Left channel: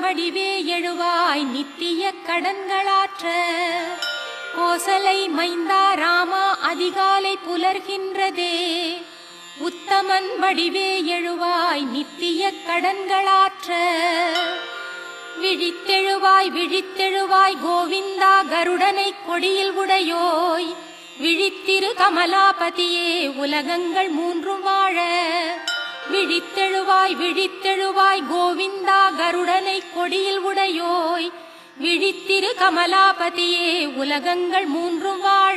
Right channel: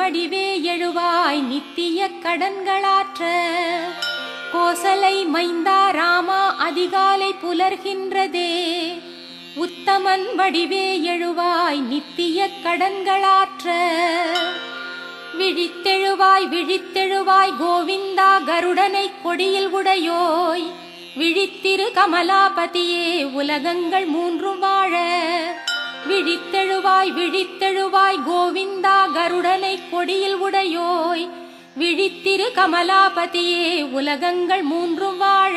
வடிவே எழுவாய் நித்திய கடன்களாற்ற. கோசலை மைந்தா ராமா அதிகாலை புலர்கின்றதே, உத்தமன் வடிவே எழுவாய் நித்திய கடன்களாற்ற. விழித்தெழுவாய் விழித்தெழுவாய் கோவிந்தா கருடனை கொடியில் உடையோய், விழித்திரு கமலாபதியே உலகங்கள் மூன்றும் வாழ. விழித்தெழுவாய் விழித்தெழுவாய் கோவிந்தா கருடனை கொடியில் உடையோய், விழித்திரு கமலாபதியே உலகங்கள் மூன்றும் வாழ.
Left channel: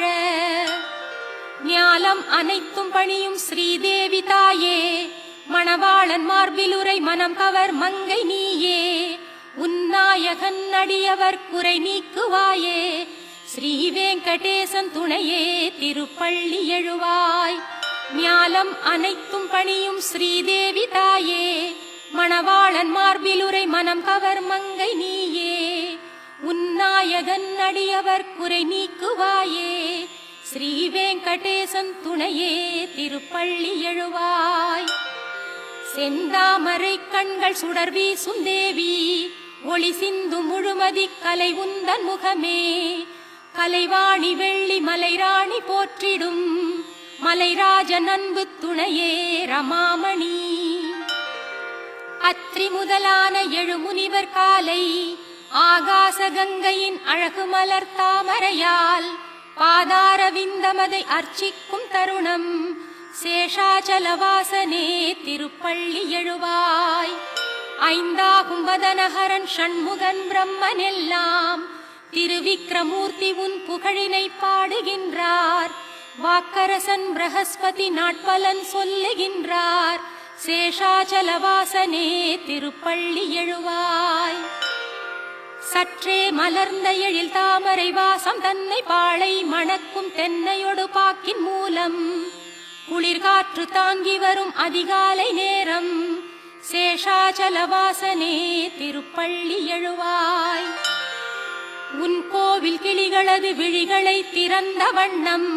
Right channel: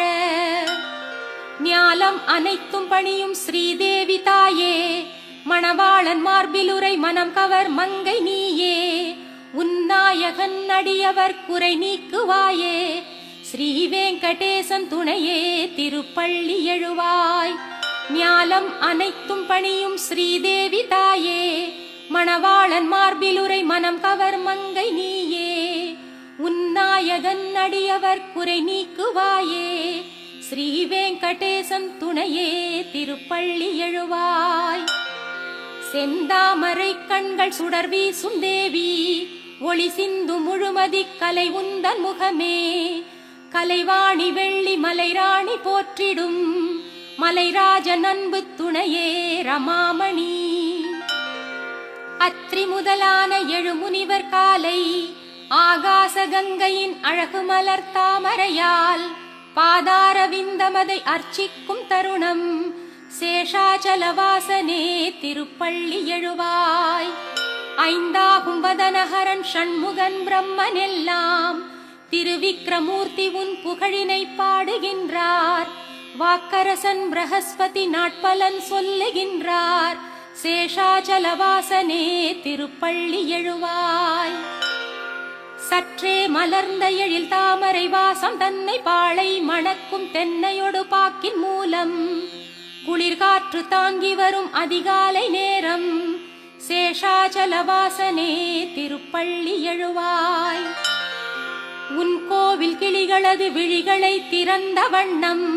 ஞாலம் அனைத்தும் பணியும் ஸ்ரீதேவி தாயே, மணவாளன் மார்பிலுரை மனம் கவர் மங்கை நீயே, உன்னாயகன் அடியவர் குறை நீக்குவாயே. ஸ்ரீ வெங்கடேசன் துணையே திருப்பள்ளி எழுவாய். ஞாலம் அனைத்தும் பணியும் ஸ்ரீதேவி தாயே, மணவாளன் மார்பிலுரை மனம் கவர் மங்கை நீயே, உன்னாயகன் அடியவர் குறை நீக்குவாயே. ஸ்ரீ வெங்கடேசன் துணையே திருப்பள்ளி எழுவாய். செந்தாமரை கண்கள் சுடர் வீசும் தேவி, ஒளி சிந்து முழுமதி கலை உந்தன் முகமே. கலைவாணி வெள்ளி மலைராணி போற்றிடும், மலைராஜன் அன்பு துணையே ரமாமணி. அத்ரி முதலான எழுமுனிவர் காலை, ஆகாச கங்கையின் அழகு மலர் தாமரையால் பாதாரவிந்தமதை அர்ச்சிக்கும் தருணம். சேஷாச்சலவாசனே திருப்பள்ளி எழுவாய். ஐந்தாகும் வதனஹரன் ஷண்முகன் பிரம்மன் எல்லாம், திருவிக்ரமூர்த்தி உன் புகழினை பாடுகின்றார். வாக்கரசன் பிரகஸ்பதி நாட்பலன் சொல்லுகின்றார். சேஷாச்சலவாசனே திருப்பள்ளி எழுவாய். சற்றே மலர்ந்த எழில் தாமரை வாசம் தன்னை பாழை மணக்கும் தென்னையொடு பாக்கின் மூலம், குளிர்காற்று தாங்கி வரும் அதிகாலை நேரம். சேஷாச்சலவாசனே திருப்பள்ளி எழுவாய். உன் கோவில் கிளிகளது விழிகளை திறந்த வண்ணம்,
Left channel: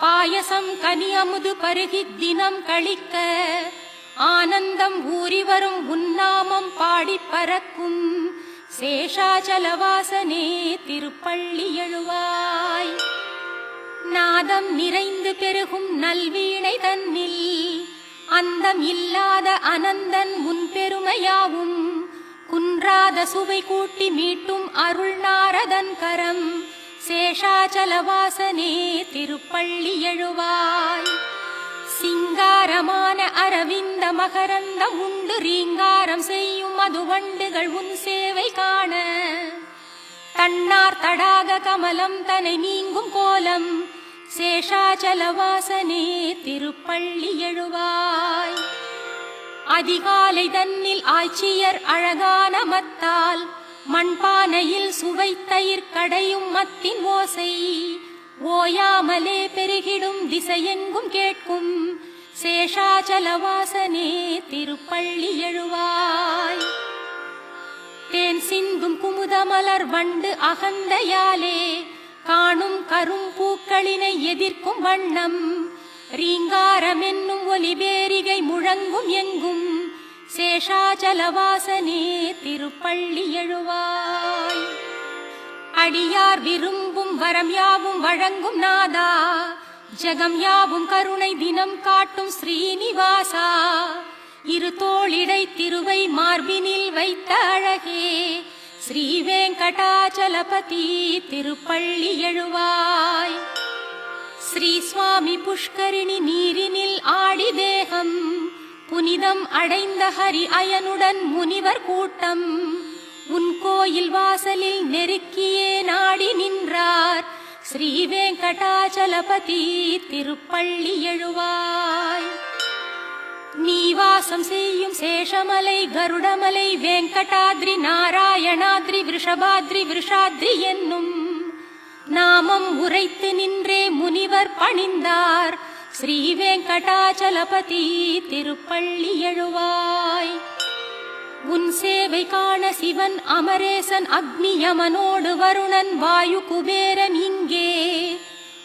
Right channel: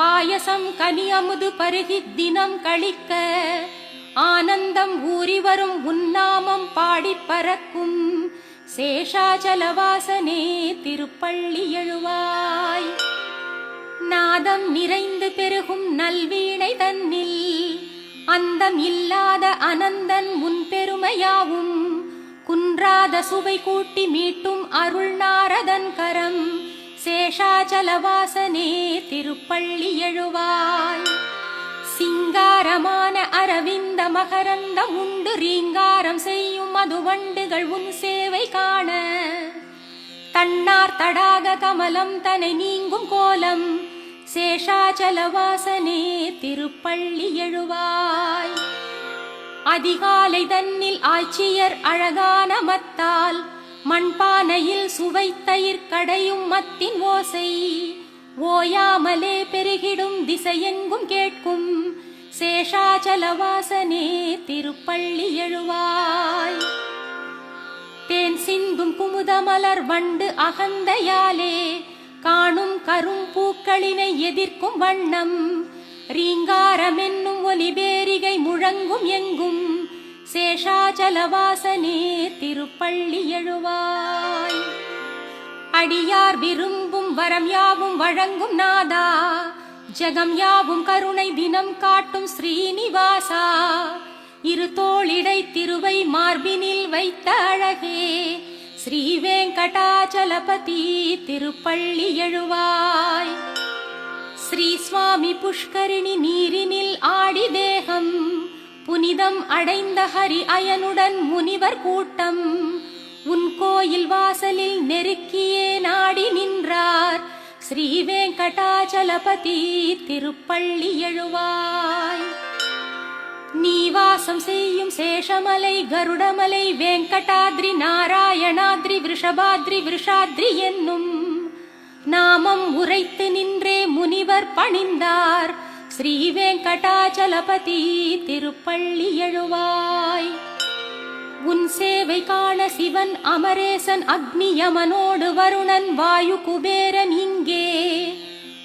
பாயசம் கனி அமுது பருகி தினம் கழிக்க, ஆனந்தம் ஊறி வரும் உன்னாமம் பாடி பறக்கும். சேஷாச்சலவாசனே திருப்பள்ளி எழுவாய். நாதம் நிறைந்து பெருகும் நல்வீணை தன்னில், அந்தம் இல்லாத அனந்தன் முன் பெருமையாவும், குன்றாத சுவை கூட்டி மீட்டும் அருள் நாரதன் கரம். சேஷாச்சலவாசனே திருப்பள்ளி எழுவாய். சிங்காரமான அரவிந்த மகரந்தம் உண்டு ரீங்காரம் செய்யும் மதுவண்டுகள் உன் சேவை காண. தன்னார் தடாக கமலம் தனை நீங்கும் கோலம். சேஷாச்சலவாசனே திருப்பள்ளி எழுவாய். அதிகாலை தன்னில் ஆட்சியர் அழகான மத்தால், மண்பானையில் சுவைத்தயிர் கடையும் மத்தின் ஓசை, ஓயாமலே பெருகிடும் திசையெங்கும் கேட்கும். சேஷாச்சலவாசனே திருப்பள்ளி எழுவாய். தேன் சிந்தும் குமுதமலர் வண்டு அகந்தையாலே, காணும் கரும் பூக்களினை எதிர்க்கும் வண்ணம். ரீங்காரம் என்னும் ஒலிபேரிகை முழங்கும் எங்கும். சேஷாச்சலவாசனே திருப்பள்ளி எழுவாய். அடியார் விரும்பும் வரம் யாவும் வழங்கும் நாதா, ஜெகம் யாவும் கருணை தினம் காட்டும் ஸ்ரீனிவாசா. இரு தோளிடை திருவை மார்பினில் வைத்த அழகே, ஸ்ரீ வெங்கடாச்சலபதி திருப்பள்ளி எழுவாய். ஸ்ரீ சுவாமி புஷ்கரிணி நீரினில் ஆடி தேகம், புனிதம் அடைந்த ஹரி அயனுடன் முனிவர் கூட்டம். உன் கோயில் வாசலில் நெருக்கியே நாடி நின்றார். ஸ்ரீ வெங்கடாச்சலபதி திருப்பள்ளி எழுவாய். நீ வாசம் செய்யும் சேஷமலை கருடமலை வெங்கடாத்ரி நாராயணாத்ரி விஷபாத்ரி விஷாத்ரி என்னும் நாமம் உரைத்து நின்றே முனிவர் பணிந்தார். ஸ்ரீ வெங்கடாச்சலபதி திருப்பள்ளி எழுவாய். உன் சேவை காண சிவன் அமரேசன் அக்னி யமனோடு வருணன் வாயு குபேரன் இங்கே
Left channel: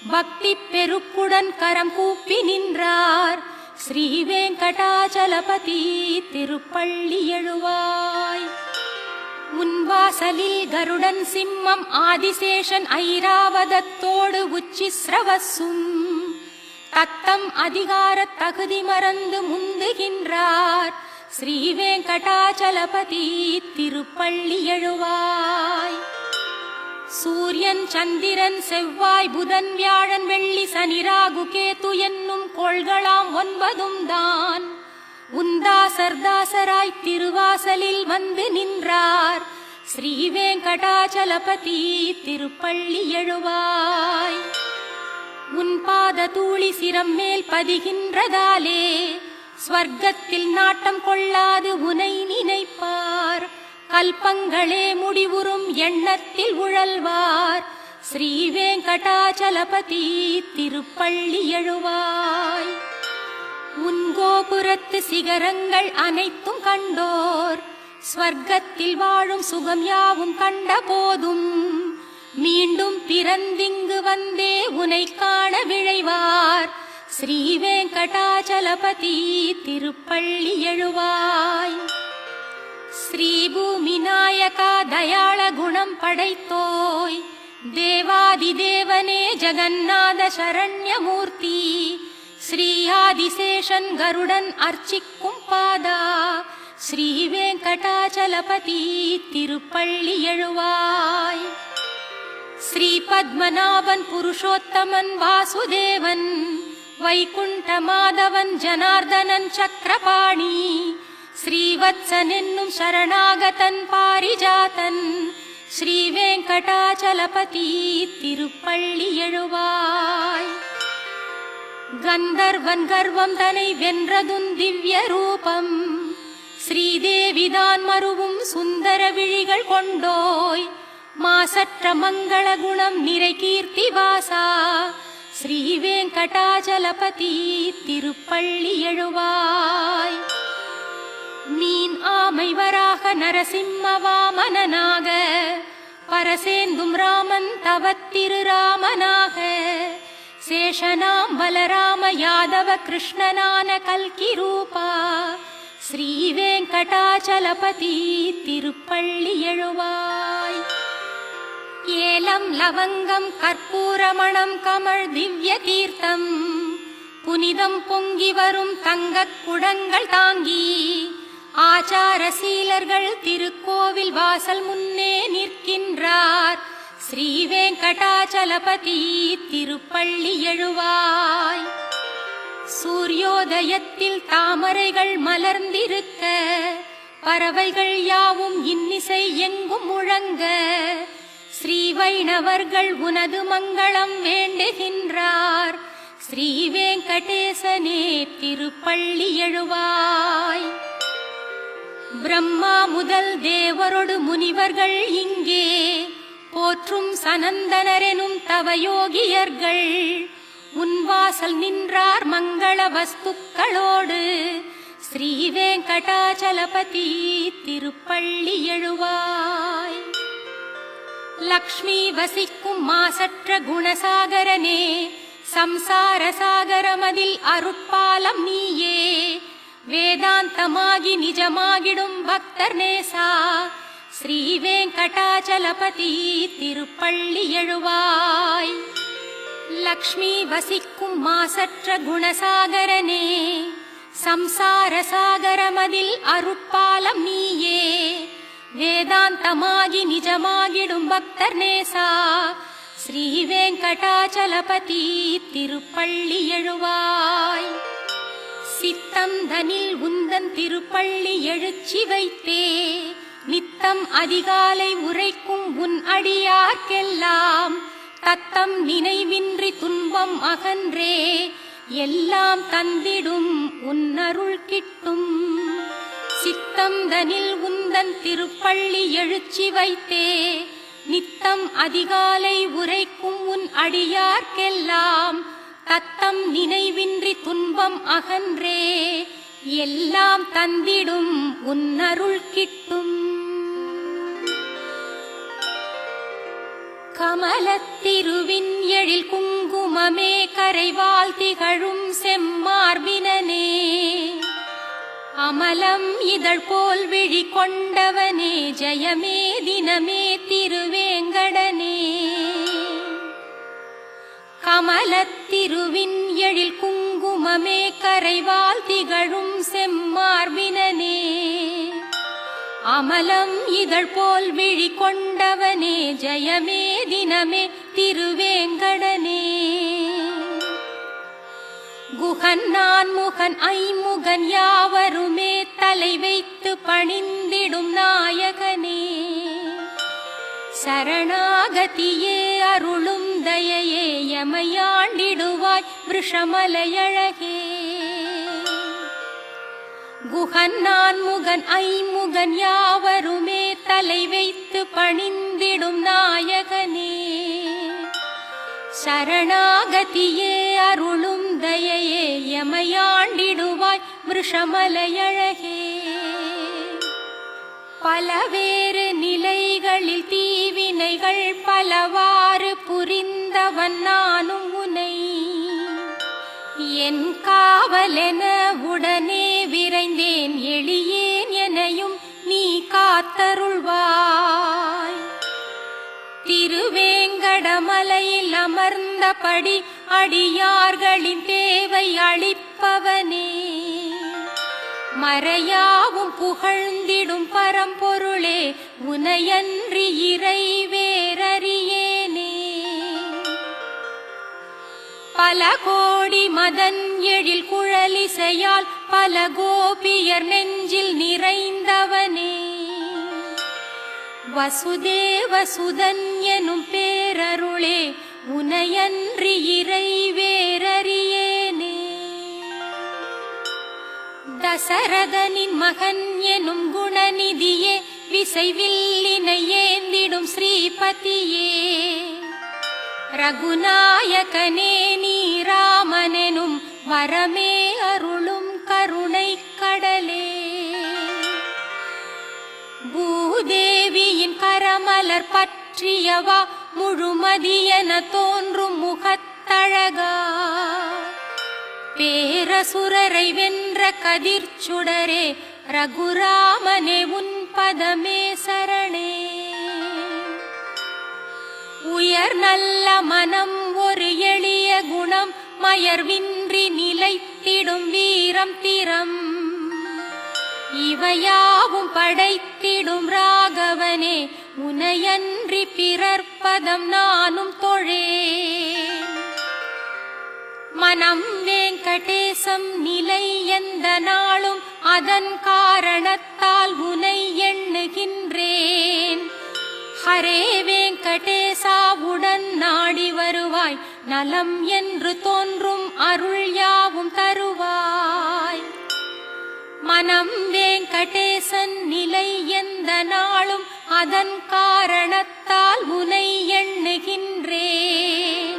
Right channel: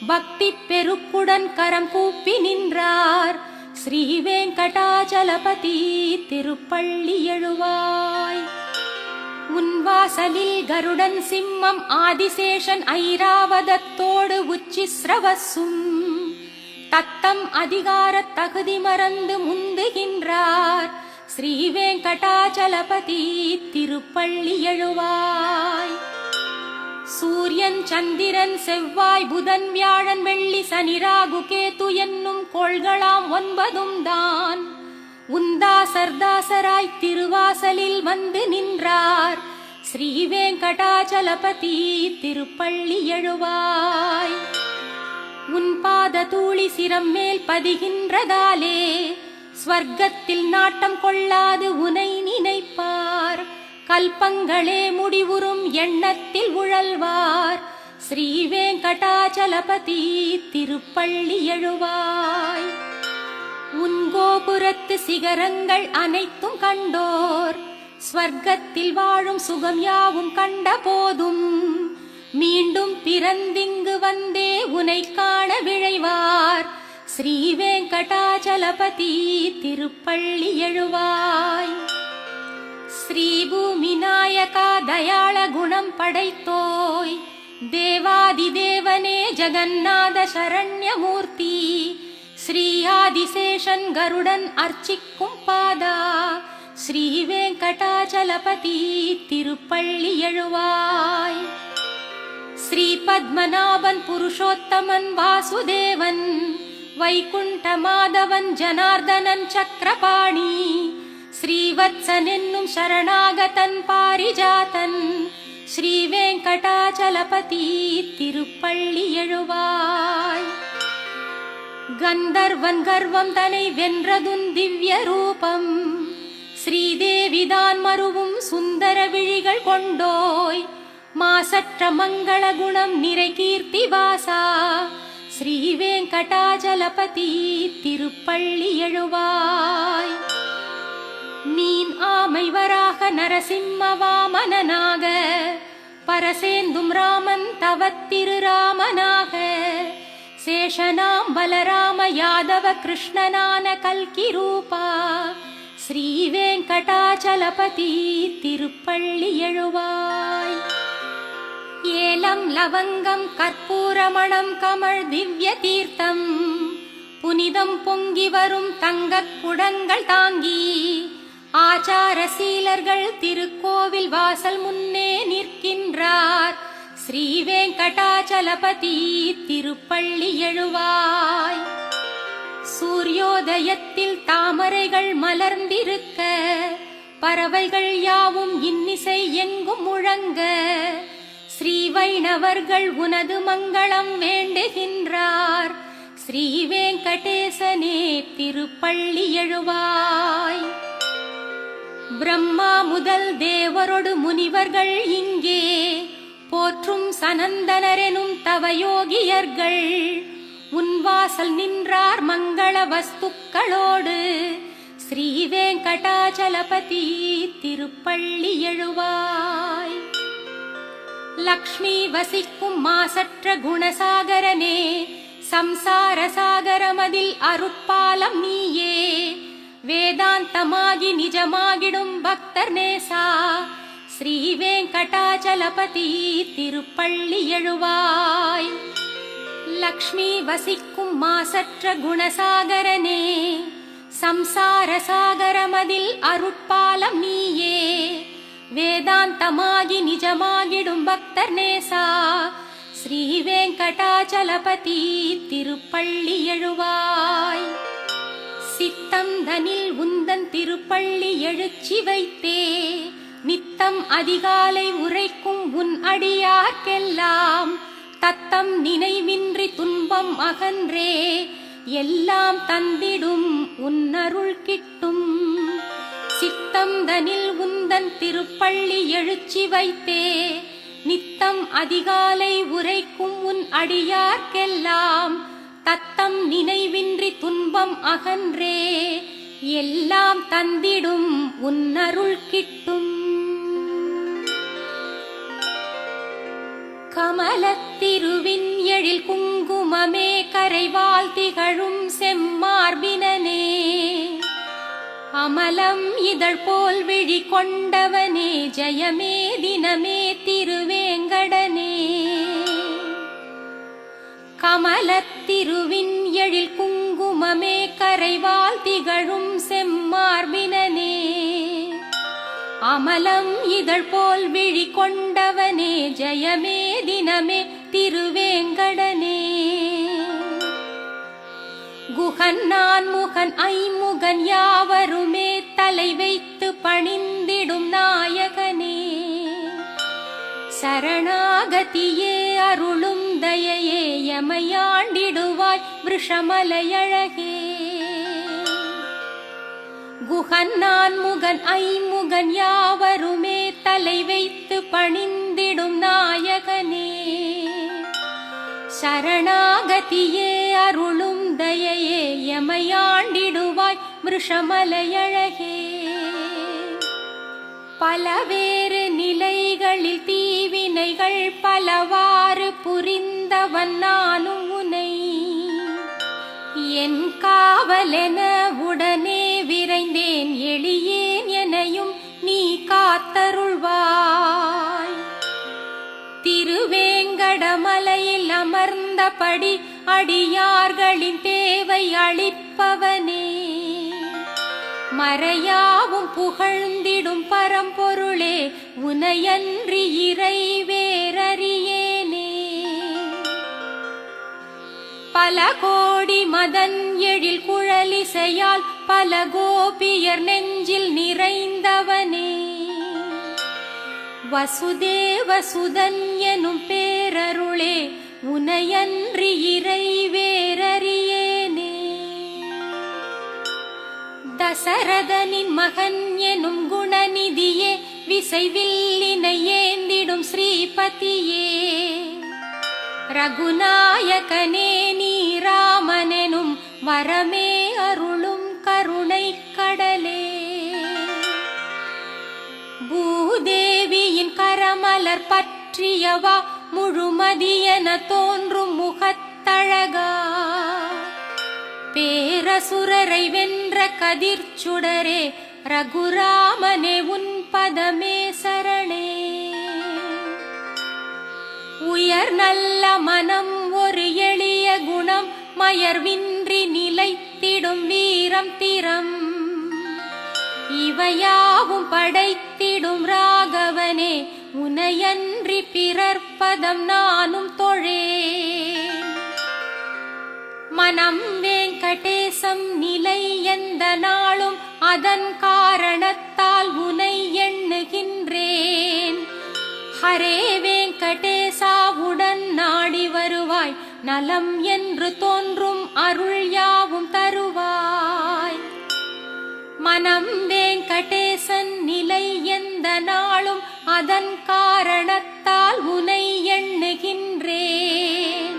பக்தி பெருக்குடன் கரங்கூப்பி நின்றார். ஸ்ரீ வெங்கடாச்சலபதி திருப்பள்ளி எழுவாய். உன் வாசலில் கருடன் சிம்மம் ஆதிசேஷன் ஐராவதத்தோடு உச்சி ஸ்ரவசும் தத்தம் அதிகார தகுதி மறந்து முந்துகின்றார் ஸ்ரீ வெங்கடாச்சலபதி திருப்பள்ளி எழுவாய். சூரியன் சந்திரன் செவ்வாய் புதன் வியாழன் வெள்ளி சனி ராகு கேது என்னும் கோள்களாம் 9 தான் உந்தாசர்தாசராய் திருவாசலில் வந்து நின்றார் ஸ்ரீ வெங்கடாச்சலபதி திருப்பள்ளி எழுவாய். உன் பாத தூளி சிரம் மேல் பதிகின்றதாலே ஸ்வர்க்கத்தில் நாட்டம் கொள்ளாது உனை நினைப்பார் கல்பங்களே முடிவுறும் எண்ணத்தில் உழல்வார் ஸ்ரீ வெங்கடாச்சலபதி திருப்பள்ளி எழுவாய். உன் கோபுரத்து சிகரங்கள் அனைத்தும் கண்டோர் ஸ்வர்க்கத்தில் வாழும் சுகம் யாவும் கண்ட போதும் மீண்டும் பிறந்திங்கு வந்தே உனை காண விழைவார் ஸ்ரீ வெங்கடாச்சலபதி திருப்பள்ளி எழுவாய். ஸ்ரீ பூமி நாயகா தயாள குணம் படைத்தோய் தேவாதி தேவனே ஜெகநாத சரண்யமூர்த்தி ஸ்ரீ ஆதிசேஷன் கருடன் அர்ச்சிக்கும் பாதா ஸ்ரீ வெங்கடாச்சலபதி திருப்பள்ளி எழுவாய். ஸ்ரீ பத்மநாபன் புருஷோத்தமன் வாசுதேவன் வைகுண்ட மாதவன் ஜனார்தனன் சக்கரபாணி ஸ்ரீவத்சன் என்னும் சரணாகதன் பாரிஜாதன் ஸ்ரீ வெங்கடாச்சலபதி திருப்பள்ளி எழுவாய். கந்தர்வன் கர்வம் தனை வென்றதும் திவ்ய ரூபம் ஸ்ரீதேவிதான் மருவும் சுந்தர விழிகள் கொண்டோய் மாசற்ற மங்கள குணம் நிறை கீர்த்தி வாசா ஸ்ரீ வெங்கடாச்சலபதி திருப்பள்ளி எழுவாய். மீன் ஆமை வராக நரசிம்ம வாமனனாக பரசேந்தும் ராமன் தவத்திரு ராமனாக சேஷனாம் பலராம யாதவ கிருஷ்ணனான கல்கி ரூபா ஸ்ரீ வெங்கடாச்சலபதி திருப்பள்ளி எழுவாய். ஏலம் லவங்கம் கற்பூரமணம் கமழ் திவ்ய தீர்த்தம் புனிதம் பொங்கி வரும் தங்கக் குடங்கள் தாங்கி ஆச்சார சீலர்கள் திருக்கோவில் வாசல் முன்னே நிற்கின்றார் ஸ்ரீ வெங்கடாச்சலபதி திருப்பள்ளி எழுவாய். சூரியோதயத்தில் தாமரைகள் மலர்ந்திருக்க பறவைகள் யாவும் இன்னிசை எங்கும் முழங்க ஸ்ரீ வைணவர்கள் உனது மங்களம் வேண்டுகின்றார் ஸ்ரீ வெங்கடேசனே திருப்பள்ளி எழுவாய். பிரம்மா முதல் தேவரோடு முனிவர்கள் இங்கே போற்றும் சனந்தனரெனும் தவயோகியர்கள் உன் வாசல் நின்றார் மங்கள வஸ்துக்களோடு ஸ்ரீ வெங்கடாச்சலபதி திருப்பள்ளி எழுவாய். லக்ஷ்மி வசிக்கும் மாசற்ற குணசாகரனே சம்சார சாகரமதில் அருட்பாலம் நீயே வேதாந்தமாகி நிஜமாகிடும் பக்தர் நேசா ஸ்ரீ வெங்கடாச்சலபதி திருப்பள்ளி எழுவாய். லக்ஷ்மி வசிக்கும் மாசற்ற குணசாகரனே சம்சார சாகரமதில் அருட்பாலம் நீயே வேதாந்தமாகி நிஜமாகிடும் பக்தர் நேசா ஸ்ரீ வெங்கடாச்சலபதி திருப்பள்ளி எழுவாய். சித்தம் தனில் உந்தன் திருப்பள்ளி எழுச்சி வைத்தே நித்தம் அதிகாலை உரைக்கும் உன் அடியார்க்கெல்லாம் தத்தம் நினைவின்றி துன்பம் அகன்றே எல்லாம் தந்திடும் உன்னருள் கிட்டும். சித்தம் தனில் உந்தன் திருப்பள்ளி எழுச்சி வைத்தே நித்தம் அதிகாலை உரைக்கும் உன் அடியார்க்கெல்லாம் தத்தம் நினைவின்றி துன்பம் அகன்றே எல்லாம் தந்திடும் உன்னருள் கிட்டும். கமலத்திருவின் எழில் குங்குமமே கரைவால் திகழும் செம்மார்பினனே கமலம் இதழ் போல் விழி கொண்டவனே ஜெயமே தினமே திருவேங்கடனே. கமலத்திருவின் எழில் குங்குமமே கரைவால் திகழும் செம்மார்பினனே. அமலம் இதழ் போல் விழி கொண்டவனே ஜெயமே தினமே திருவேங்கடனே. குகன் நான் முகன் ஐமுகன் யாவருமே தலை வைத்து பணிந்திடும் நாயகனே. சரணாகதியே அருளும் தயையே எமையாண்டிடுவாய் விஷமலையழகே. குகன் நான் முகன் ஐமுகன் யாவருமே தலை வைத்து பணிந்திடும் நாயகனே. சரணாகதியே அருளும் தயையே எமையாண்டிடுவாய் விஷமலையழகே. பலவேறு நிலைகளில் தீவினைகள் பலவாறு புரிந்தவன் நானும் உனை. என் காவலென உடனே விரைந்தேன் எளியேன் எனையும் நீ காத்தருள்வாய். திருவேங்கடமலையில் அமர்ந்தபடி அடியார்களின் தேவை அளிப்பவனே. மறையாவும் புகழ்ந்திடும் பரம்பொருளே உனையன்றி இறை வேறறியேனே. பல கோடி மதன் எழில் குழலிசையால் பல கோபியர் நெஞ்சில் நிறைந்தவனே. வசுதேவ சுதன் எனும் பேரருளே உனையன்றி இறை வேறறியேனே. தசரதனின் மகன் எனும் குணநிதியே விசைவில்லினை ஏந்திடும் ஸ்ரீபதியே. ரகுநாயகனே நீ ராமனெனும் வரமே அருளும் கருணை கடலே. பூதேவியின் கரமலர் பற்றியவா முழுமதியென தோன்றும் முகத்தழகா. பேரசுரரை வென்ற கதிர்ச்சுடரே ரகுராமனே உன் பதமே சரணே. உயர் நல்ல மனம் ஒரு எளிய குணம் மயர்வின்றி நிலைத்திடும் வீரம் திறம். இவையாவும் படைத்திடும் ராகவனே உனையன்றி பிறர்ப்பதம் நானும் தொழேன். மனம் வெங்கடேசம் நிலை எந்த நாளும் அதன் காரணத்தால் உனை எண்ணுகின்றேன். ஹரே வெங்கடேசாவுடன் நாடி வருவாய் நலம் என்று தோன்றும் அருள் யாவும் தருவாய். மனம் வெங்கடேசன் நிலை எந்த நாளும் அதன் காரணத்தால் உனை எண்ணுகின்றேன்.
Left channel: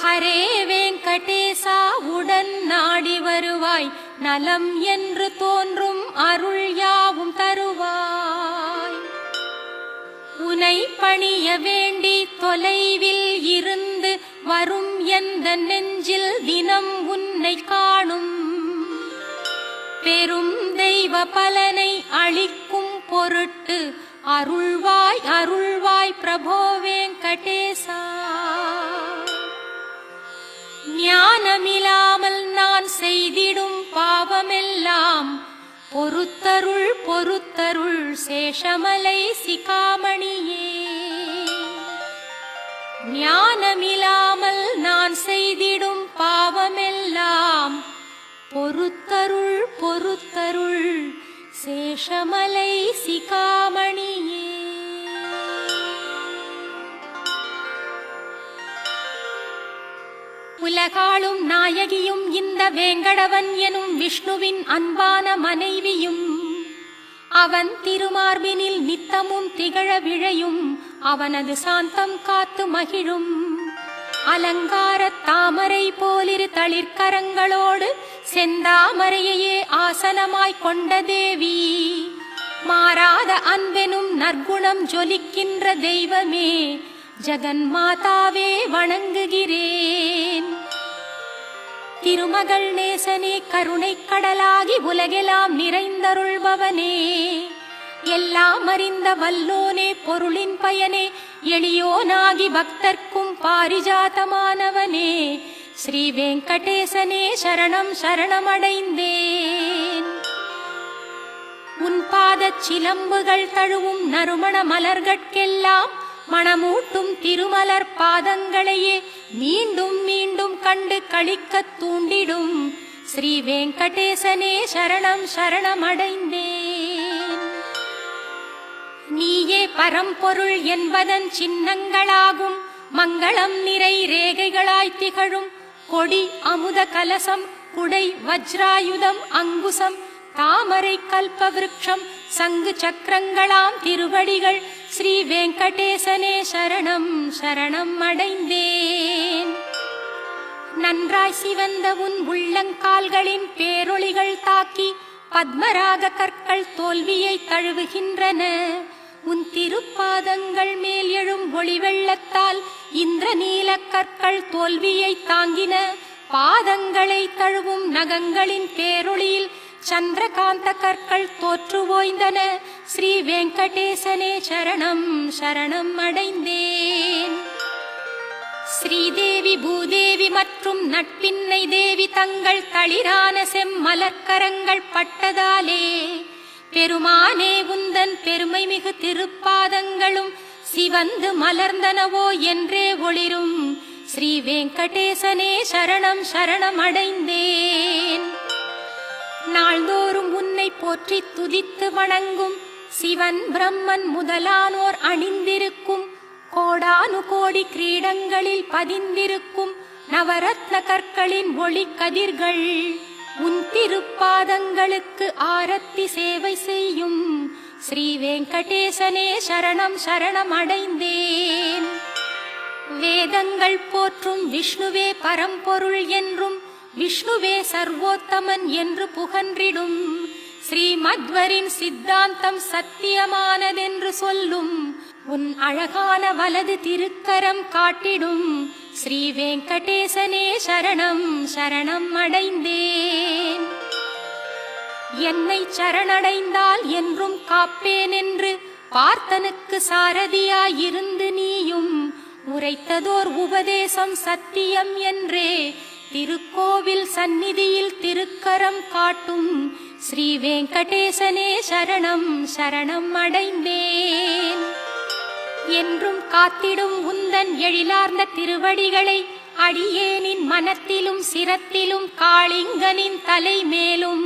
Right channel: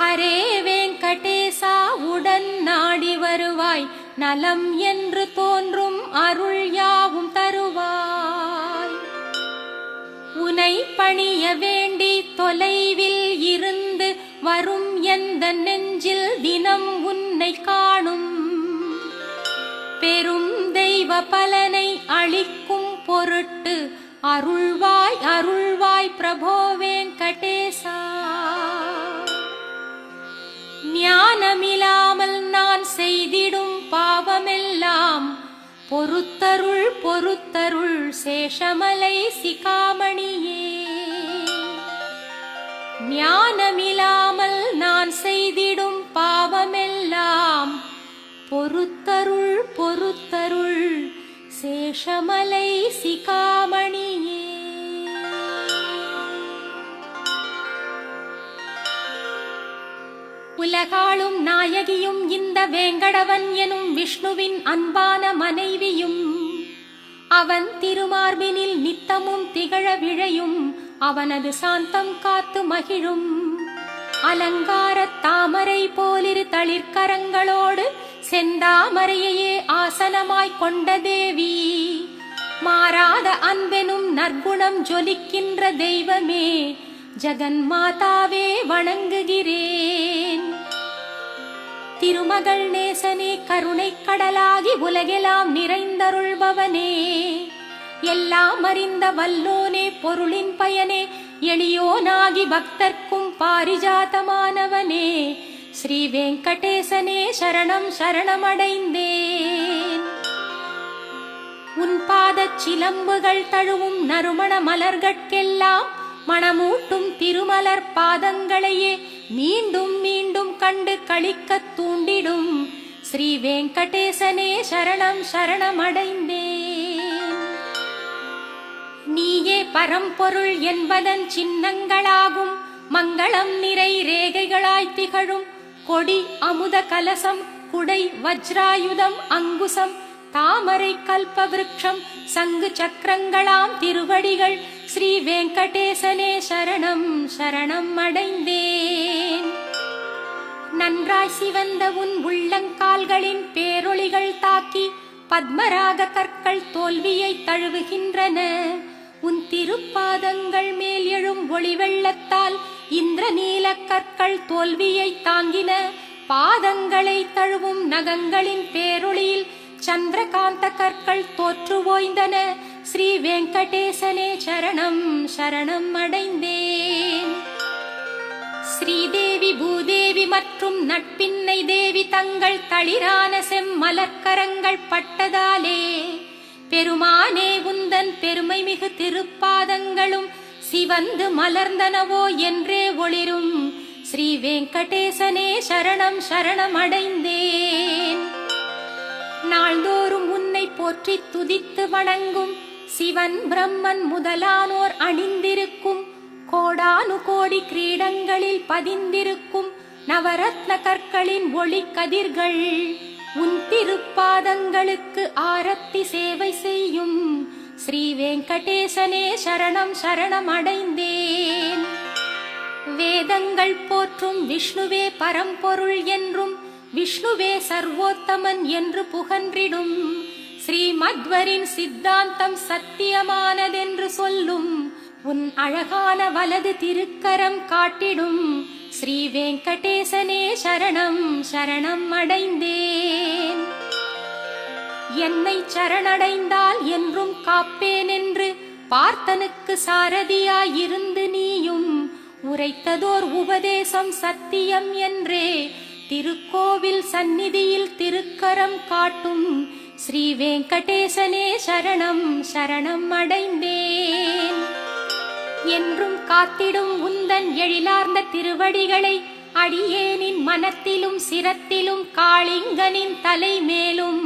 ஹரே வெங்கடேசாவுடன் நாடி வருவாய் நலம் என்று தோன்றும் அருள் யாவும் தருவாய். உனை பணிய வேண்டி தொலைவில் இருந்து வரும் எந்த நெஞ்சில் தினம் உன்னை காணும். பெரும் தெய்வ பலனை அளிக்கும் பொருட்டு அருள்வாய் அருள்வாய் பிரபோ வெங்கடேசா. ஞானமில்லாமல் நான் செய்திடும் பாவமெல்லாம் பொறுத்தருள் பொறுத்தருள் சேஷமலை சிகாமணியே. ஞானமில்லாமல் நான் செய்திடும் பாவமெல்லாம் பொறுத்தருள் பொறுத்தருள் சேஷமலை சிகாமணியே. உலகாளும் நாயகியும் இந்த வேங்கடவன் எனும் விஷ்ணுவின் அன்பான மனைவியும். அவன் திருமார்பினில் நித்தமும் திகழ விழையும் அவனது சாந்தம் காத்து மகிழும். அலங்கார தாமரை போலிரு தளிர்கரங்களோடு செந்தாமரையே ஆசனமாய் கொண்ட தேவி. மாறாத அன்பெனும் நற்குணம் ஜொலிக்கின்ற தெய்வமே ஜெகன் மாதாவே வணங்குகிறேன். திருமகள் நேசனே கருணை கடலாகி உலகெல்லாம் நிறைந்தருள்பவனே எல்லாம் அறிந்த வல்லோனே பொருளின் பயனே எளியோனாகி பக்தர்க்கும் பாரிஜாதமானவனே ஸ்ரீ வெங்கடேசனே சரணம் சரணமடைந்தேன். உன் பாதச் சிலம்புகள் தழுவும் நறுமண மலர்கட்கெல்லாம் மணமூட்டும் திருமலர் பாதங்களையே மீண்டும் மீண்டும் கண்டு களிக்க தூண்டிடும் ஸ்ரீ வெங்கடேசனே சரணம் சரணமடைந்தேன். நீயே பரம்பொருள் என்பதன் சின்னங்களாகும் மங்களம் நிறை ரேகைகளாய் திகழும் கொடி அமுத கலசம் குடை வஜ்ராயுதம் அங்குசம் தாமரை கல்பவிருக்ஷம் சங்கு சக்கரங்களாம் திருவடிகள் ஸ்ரீ வெங்கடேசனே சரணம் சரணம் அடைந்தேன். நன்றாய் சிவந்த உன் உள்ளங்கால்களின் பேரொளிகள் தாக்கி பத்மராக கற்கள் தோல்வியை தழுவுகின்றன. உன் திருப்பாதங்கள் மேல் எழும் ஒளி வெள்ளத்தால் இந்திரநீல கற்கள் தோல்வியை தாங்கின. பாதங்களை தழுவும் நகங்களின் பேரொளியில் சந்திரகாந்த கற்கள் தோற்று ஓய்ந்தன. ஸ்ரீ வெங்கடேசனே சரணம் சரணம் அடைந்தேன். ஸ்ரீதேவி பூதேவி மற்றும் நட்பின்னை தேவி தங்கள் தளிரான செம்மலர்க்கரங்கள் பட்டதாலே பெருமானே உந்தன் பெருமை மிகு திருப்பாதங்களும் சிவந்து மலர்ந்தனவோ என்றே ஒளிரும் ஸ்ரீ வெங்கடேசனே சரணம் சரணம் அடைந்தேன். நாள்தோறும் உன்னை போற்றி துதித்து வணங்கும் சிவன் பிரம்மன் முதலானோர் அணிந்திருக்கும் கோடானு கோடி கிரீடங்களில் பதிந்திருக்கும் நவரத்ன கற்களின் ஒளி கதிர்கள் உன் திருப்பாதங்களுக்கு ஆரத்தி சேவை செய்யும் ஸ்ரீ வெங்கடேசனே சரணம் சரணம் அடைந்தேன். வேதங்கள் போற்றும் விஷ்ணுவே பரம்பொருள் என்றும் விஷ்ணுவே சர்வோத்தமன் என்று புகன்றிடும் ஸ்ரீமத்வரின் சித்தாந்தம் சத்தியமானதென்று சொல்லும் உன் அழகான வலது திருக்கரம் காட்டிடும் ஸ்ரீ வெங்கடேசனே சரணம் சரணம் அடைந்தேன். என்னை சரணடைந்தால் என்றும் காப்பேன் என்று பார்த்தனுக்கு சாரதியாயிருந்து நீயும் உரைத்ததோர் உபதேசம் சத்தியம் என்றே திருக்கோவில் சந்நிதியில் திருக்கரம் காட்டும் ஸ்ரீ வெங்கடேசனே சரணம் சரணம் அடைந்தேன். என்றும் காத்திடும் உந்தன் எழிலார்ந்த திருவடிகளை அடியேனின் மனத்திலும் சிரத்திலும் காளிங்கனின் தலை மேலும்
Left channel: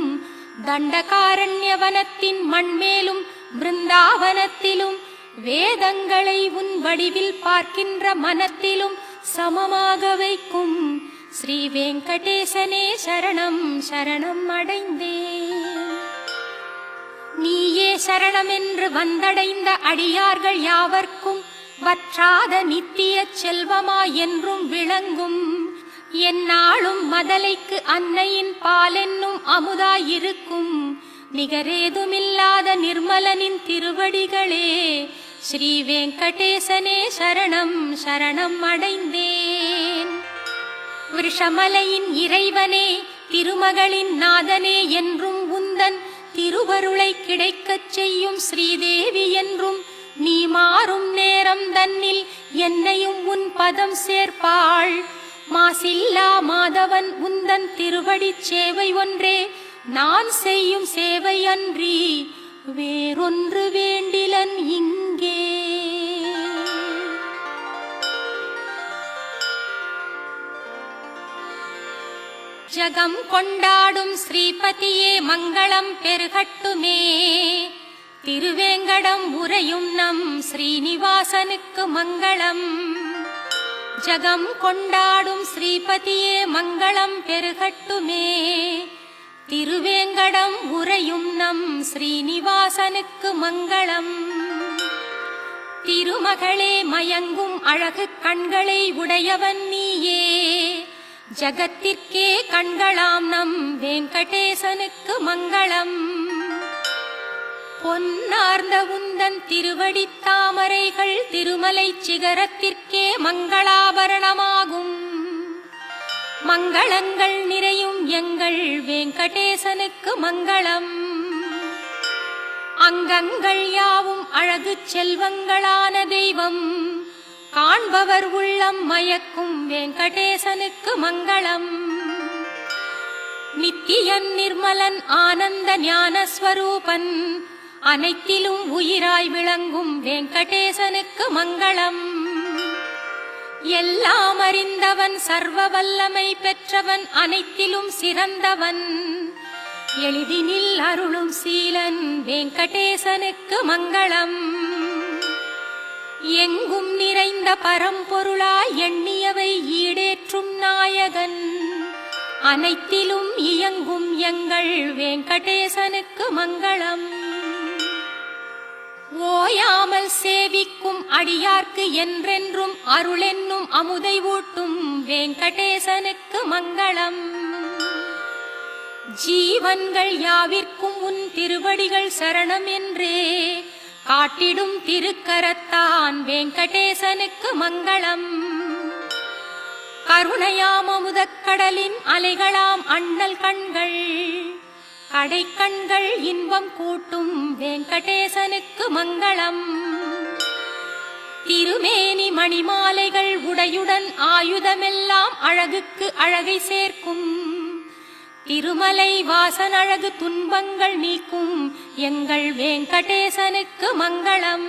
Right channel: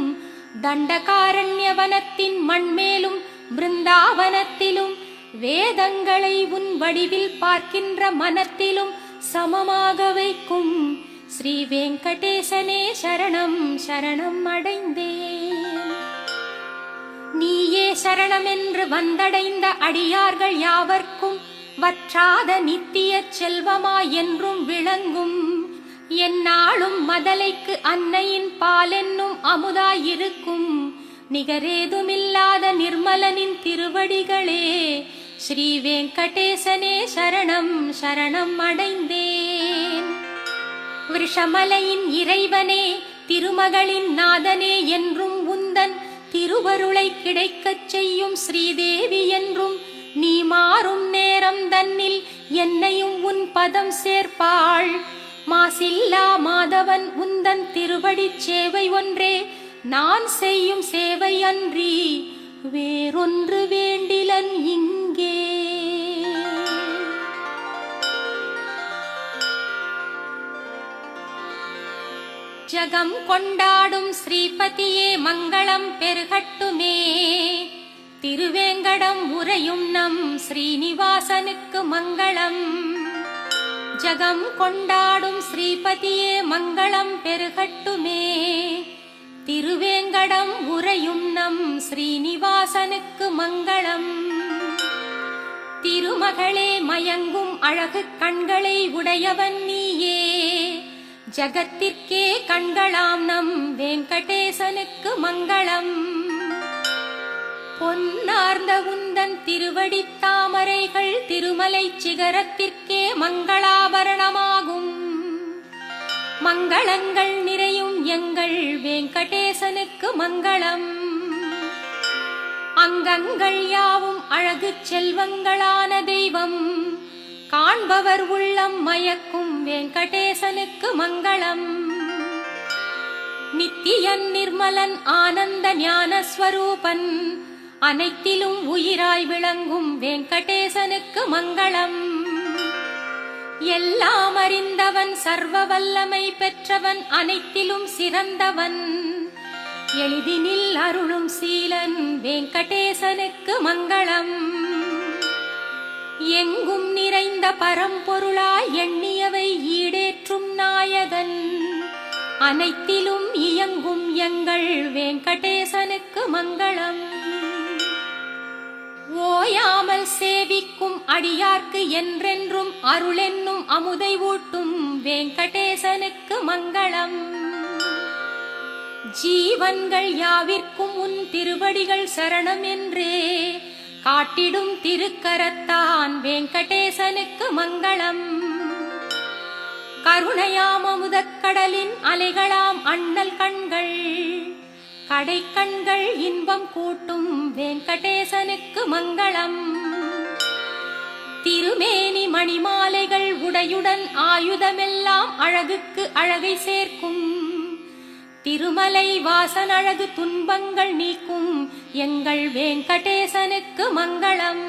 தண்டகாரண்யவனத்தின் மண்மேலும் பிருந்தாவனத்திலும் வேதங்களை உன் வடிவில் பார்க்கின்ற மனத்திலும் சமமாக வைக்கும் ஸ்ரீ வெங்கடேசனே சரணம் சரணம் அடைந்தேன். நீயே சரணம் என்று வந்தடைந்த அடியார்கள் யாவர்க்கும் வற்றாத நித்திய செல்வமாய் என்றும் விளங்கும் எந்நாளும் மதலைக்கு அன்னையின் பாலென்னும் அமுதாயிருக்கும் நிகரேதுமில்லாத நிர்மலனின் திருவடிகளே ஸ்ரீ வெங்கடேசனே சரணம் சரணம் அடைந்தேன். விஷமலையின் இறைவனே திருமகளின் நாதனே என்றும் உந்தன் திருவருளை கிடைக்கச் செய்யும் ஸ்ரீதேவி என்றும் நீ மாறும் நேரம் தன்னில் என்னையும் உன் பதம் சேர்ப்பாள். மாசில்லா மாதவன் உந்தன் திருவடி சேவை ஒன்றே நான் செய்யும் சேவை அன்றி வேறொன்று வேண்டிலன் இங்கே. ஜகம் கொண்டாடும் ஸ்ரீபதியே மங்களம் பெருகட்டுமே. திருவேங்கடம் உரையும் நம் ஸ்ரீனிவாசனுக்கு மங்களம். ஜகம் கொண்டாடும் ஸ்ரீபதியே மங்களம் பெருகட்டுமே. திருவேங்கடம் உரையும் நம் ஸ்ரீனிவாசனுக்கு மங்களம். திருமகளே மயங்கும் அழகு கண்களை உடையவன் நீயே. ஜகத்திற்கே கண்களாம் நம் வெங்கடேசனுக்கு மங்களம். பொன்னார்ந்த உந்தன் திருவடி தாமரைகள் திருமலை சிகரத்திற்கே மங்களாபரணமாகும். மங்களங்கள் நிறையும் எங்கள் வெங்கடேசனுக்கு மங்களம். அங்கங்கள் யாவும் அழகு செல்வங்களான தெய்வம், காண்பவர் உள்ளம் மயக்கும் வெங்கடேசனுக்கு மங்களம். நித்தியன் நிர்மலன் ஆனந்த ஞான ஸ்வரூபன், அனைத்திலும் உயிராய் விளங்கும் வெங்கடேசனுக்கு மங்களம். எல்லாம் அறிந்தவன், சர்வ வல்லமை பெற்றவன், அனைத்திலும் சிறந்தவன், எளிதினில் அருளும் சீலன் வெங்கடேசனுக்கு மங்களம். எங்கும் நிறைந்த பரம்பொருளாய் எண்ணியவை ஈடேற்றும் நாயகன், அனைத்திலும் இயங்கும் எங்கள் வெங்கடேசனுக்கு மங்களம். ஓயாமல் சேவிக்கும் அடியார்க்கு என்றென்றும் அருளென்னும் அமுதை ஊட்டும் வெங்கடேசனுக்கு மங்களம். ஜீவன்கள் யாவிற்கும் உன் திருவடிகள் சரணம் என்றே காட்டிடும் திருக்கரத்தான் வெங்கடேசனுக்கு மங்களம். கருணையாம் அமுதக்கடலின் அலைகளாம் அண்ணல் கண்கள், கடை கண்கள் இன்பம் கூட்டும் வெங்கடேசனுக்கு மங்களம். திருமேனி மணிமாலைகள் உடையுடன் ஆயுதமெல்லாம் அழகுக்கு அழகை சேர்க்கும், திருமலை வாசன் அழகு துன்பங்கள் நீக்கும் எங்கள் வெங்கடேசனுக்கு மங்களம்.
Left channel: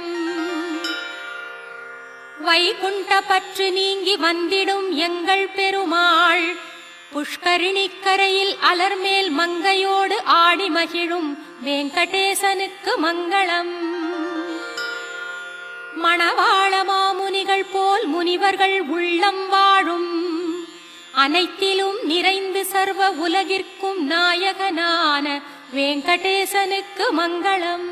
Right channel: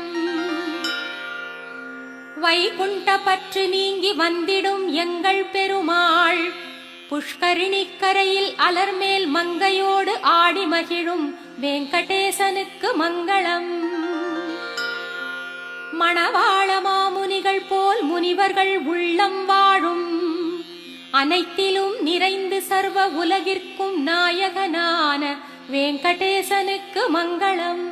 வைகுண்ட பற்று நீங்கி வந்திடும் எங்கள் பெருமாள், புஷ்கரிணி கரையில் அலர்மேல் மங்கையோடு ஆடி மகிழும் வெங்கடேசனுக்கு மங்களம். மணவாள மாமுனிகள் போல் முனிவர்கள் உள்ளம் வாழும், அனைத்திலும் நிறைந்து சர்வ உலகிற்கும் நாயகனான வெங்கடேசனுக்கு மங்களம்.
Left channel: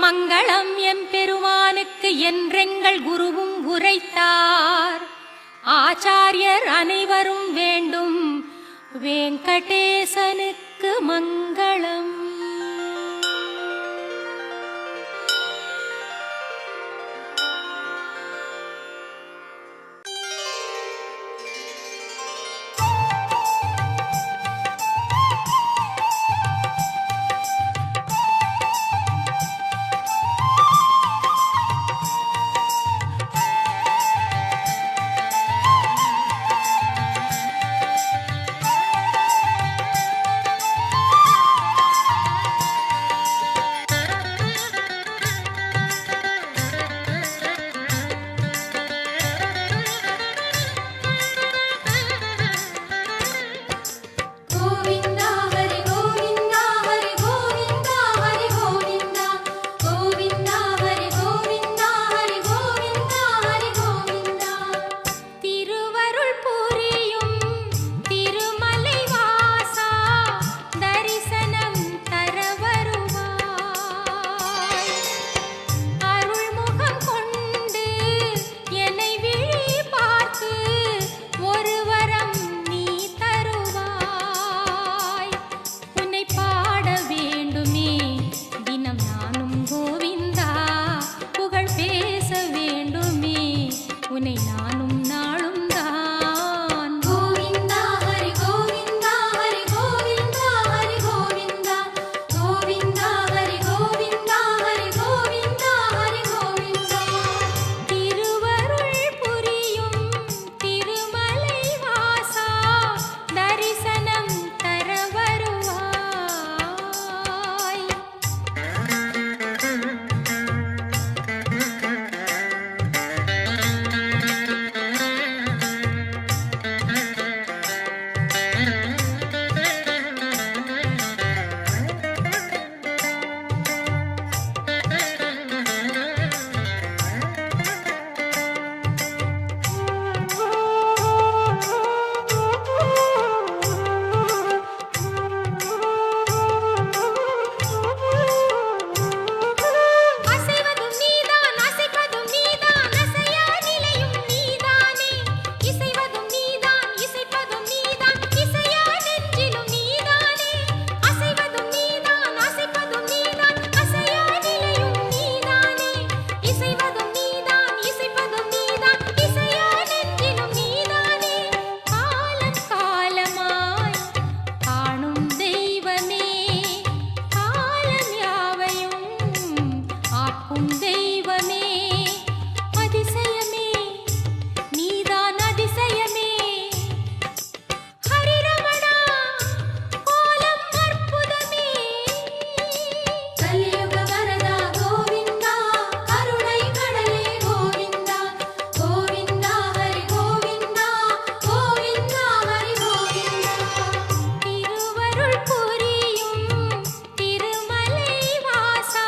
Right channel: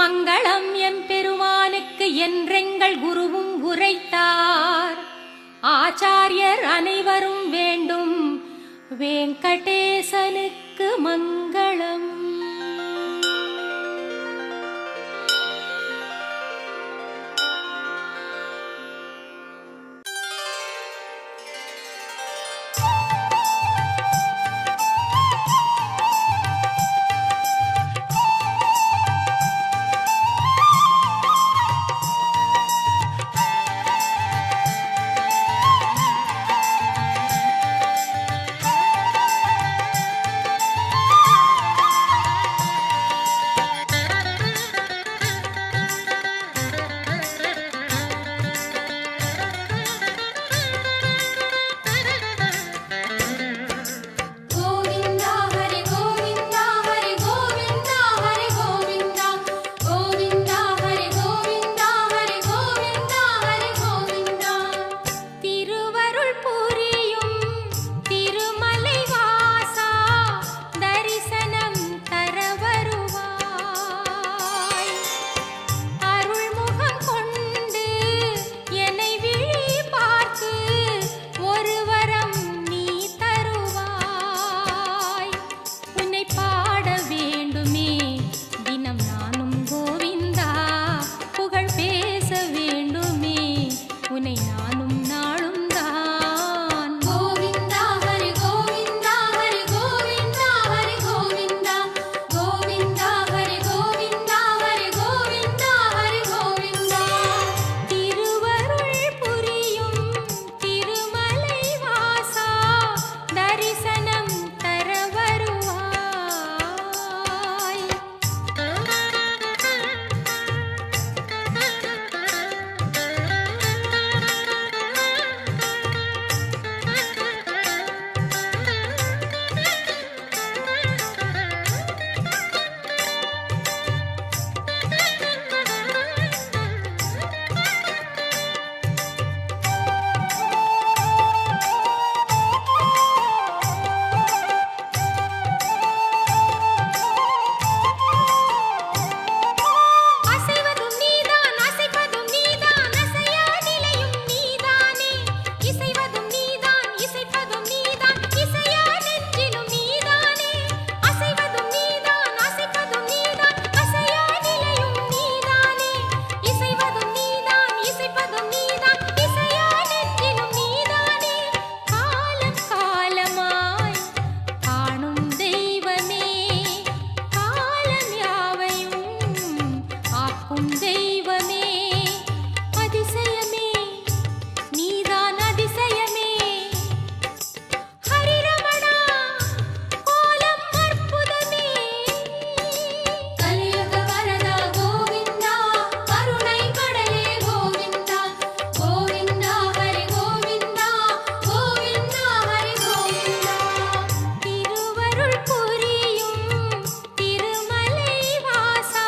மங்களம் எம்பெருமானுக்கு என்றெங்கள் குருவும் உரைத்தார், ஆச்சாரியர் அனைவரும் வேண்டும் வெங்கடேசனுக்கு மங்களம். உனை நானும் நாளும் தான். கோவிந்தா ஹரி கோவிந்தா ஹரி கோவிந்தா ஹரி கோவிந்தா கோவிந்தா ஹரி கோவிந்தா ஹரி கோவிந்தா ஹரி கோவிந்தா. திருவருள் புரியும் திருமலை வாசா, தரிசனம் தர வருவாய். காக்கும் தெய்வமே அதிசயமே நீதான் அதிசயமே ஹரிரமணா கோலம் அற்புதமே கலியுக வரதா கோவிந்தா கருணை கடலே கோவிந்தா கோவிந்தா ஹரி கோவிந்தா கோவிந்தா ஹரி கோவிந்தா திருவருள் புரியும் திருமலை வாசா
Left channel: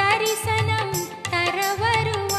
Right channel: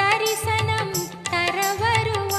தரிசனம் தர வருவாய்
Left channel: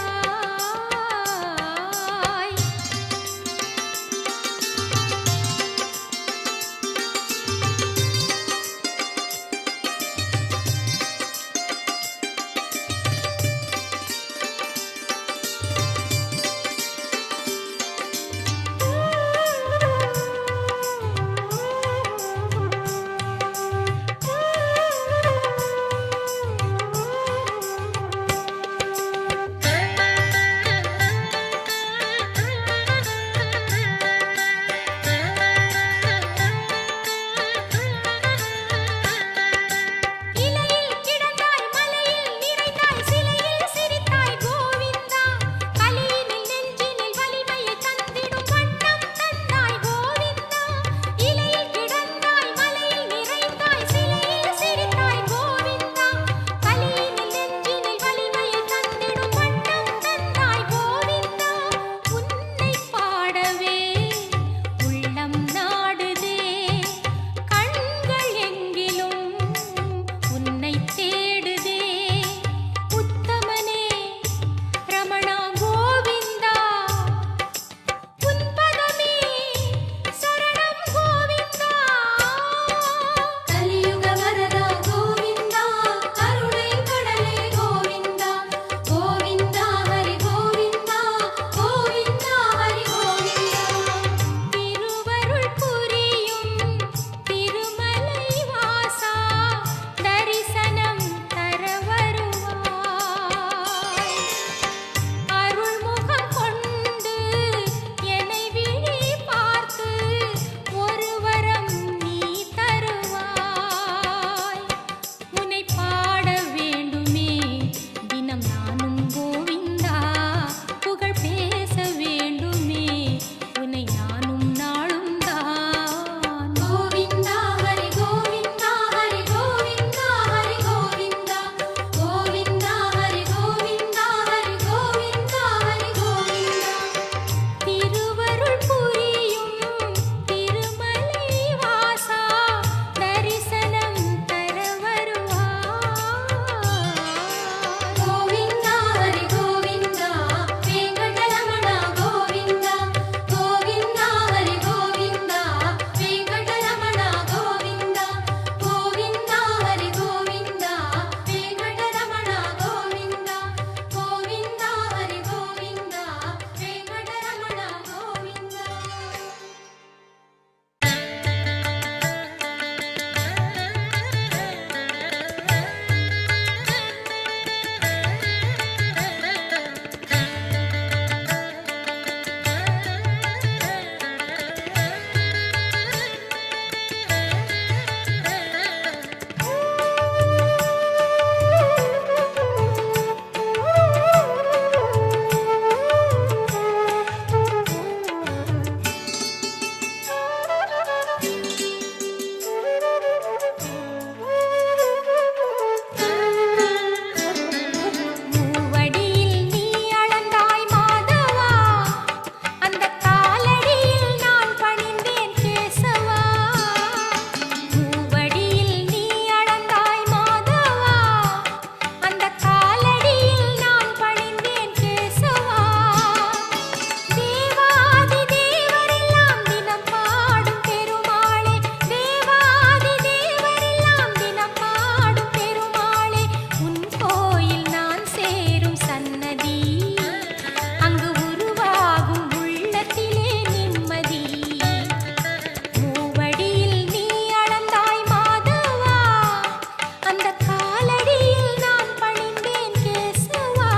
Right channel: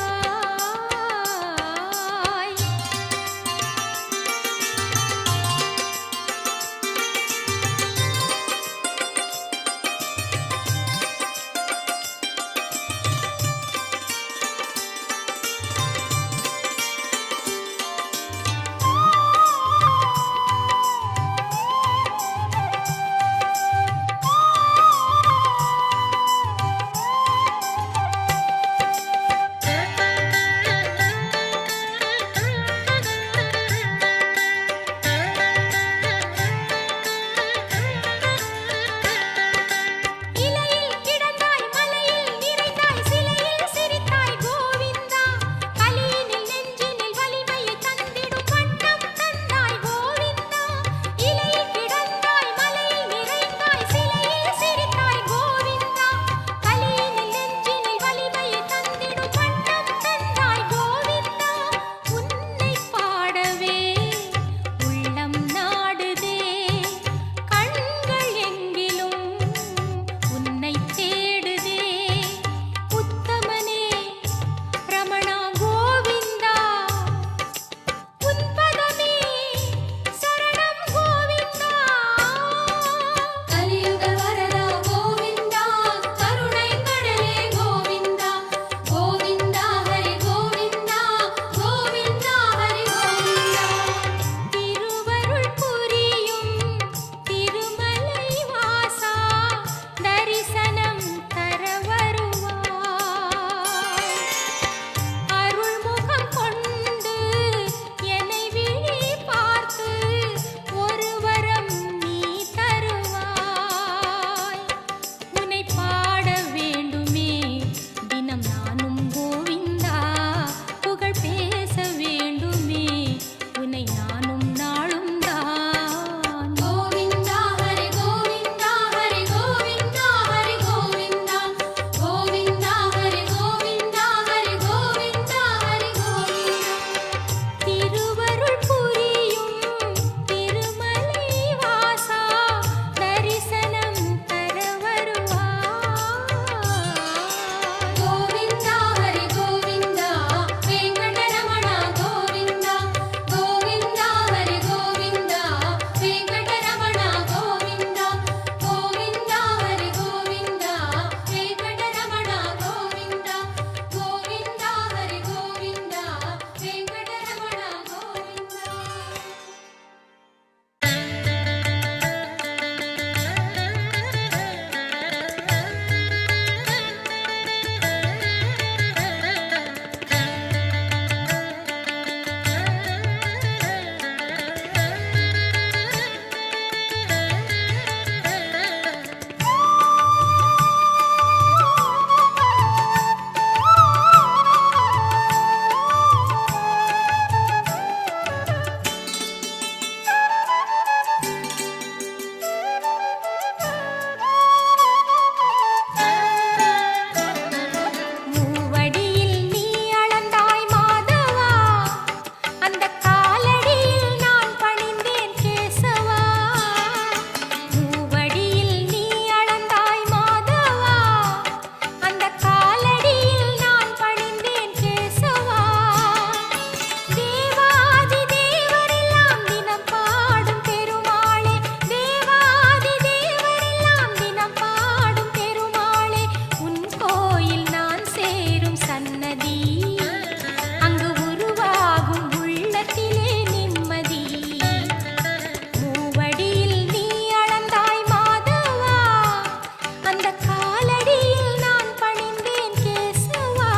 இலையில் கிடந்தாய் மலையில் நிறைந்தாய் சிலையில் சிரித்தாய் கோவிந்தா கலியினில் நெஞ்சினில் வலிமையை தந்திடும் வண்ணம் தந்தாய் கோவிந்தா இலையில் கிடந்தாய் மலையில் நிறைந்தாய் சிலையில் சிரித்தாய் கோவிந்தா கலியினில் நெஞ்சினில் வலிமையை தந்திடும் வண்ணம் தந்தாய் கோவிந்தா உன்னை பாடவே உள்ளம் நாடுதே கண்கள் எங்கிலும் உன்னை தேடுதே உத்தமனே ரமணா கோவிந்தா உன் பதமே சரணம் கோவிந்தா கலியுக வரதா கோவிந்தா கருணை கடலே கோவிந்தா கோவிந்தா ஹரி கோவிந்தா கோவிந்தா ஹரி கோவிந்தா திருவருள் புரியும் திருமலை வாசா தரிசனம் தர வருவாய் அருள்முகம் கொண்டு என்னை விழி பார்த்து ஒரு வரம் நீ தருவாய் உன்னை பாட வேண்டுமே தினம் நானும் கோவிந்தா புகழ் பேச வேண்டுமே உன்னை நானும் நாளும் தான் கோவிந்தா ஹரி கோவிந்தா ஹரி கோவிந்தா ஹரி கோவிந்தா கோவிந்தா ஹரி கோவிந்தா ஹரி கோவிந்தா ஹரி கோவிந்தா திருவருள் புரியும் திருமலை வாசா தரிசனம் தர வருவாய் கோவிந்தா ஹரி கோவிந்தா வெங்கடரமணா கோவிந்தா கோவிந்தா ஹரி கோவிந்தா வெங்கடரமணா கோவிந்தா கோவிந்தா ஹரி கோவிந்தா வெங்கடரமணா கோவிந்தா கோவிந்தா ஹரி கோவிந்தா வெங்கடரமணா கோவிந்தா மூவடியில் நீ அளந்தாய் மாதவா அந்த காலடியில் நான் பணிந்தேன் கேசவா மூவடியில் நீ அளந்தாய் மாதவா அந்த காலடியில் நான் பணிந்தேன் கேசவா தேவாதி தேவரெல்லாம் தினம் பாடும் பெருமாளே தேவாதி தேவரெல்லாம் தினம் பாடும் பெருமாளே உன் கோயில் நான் சேரும் சன்னதி அங்கு உருவாகும் உள்ளத்திலே நிம்மதி மூவடியில் நீ அளந்தாய் மாதவா அந்த காலடியில் நான் பணிந்தேன் கேசவா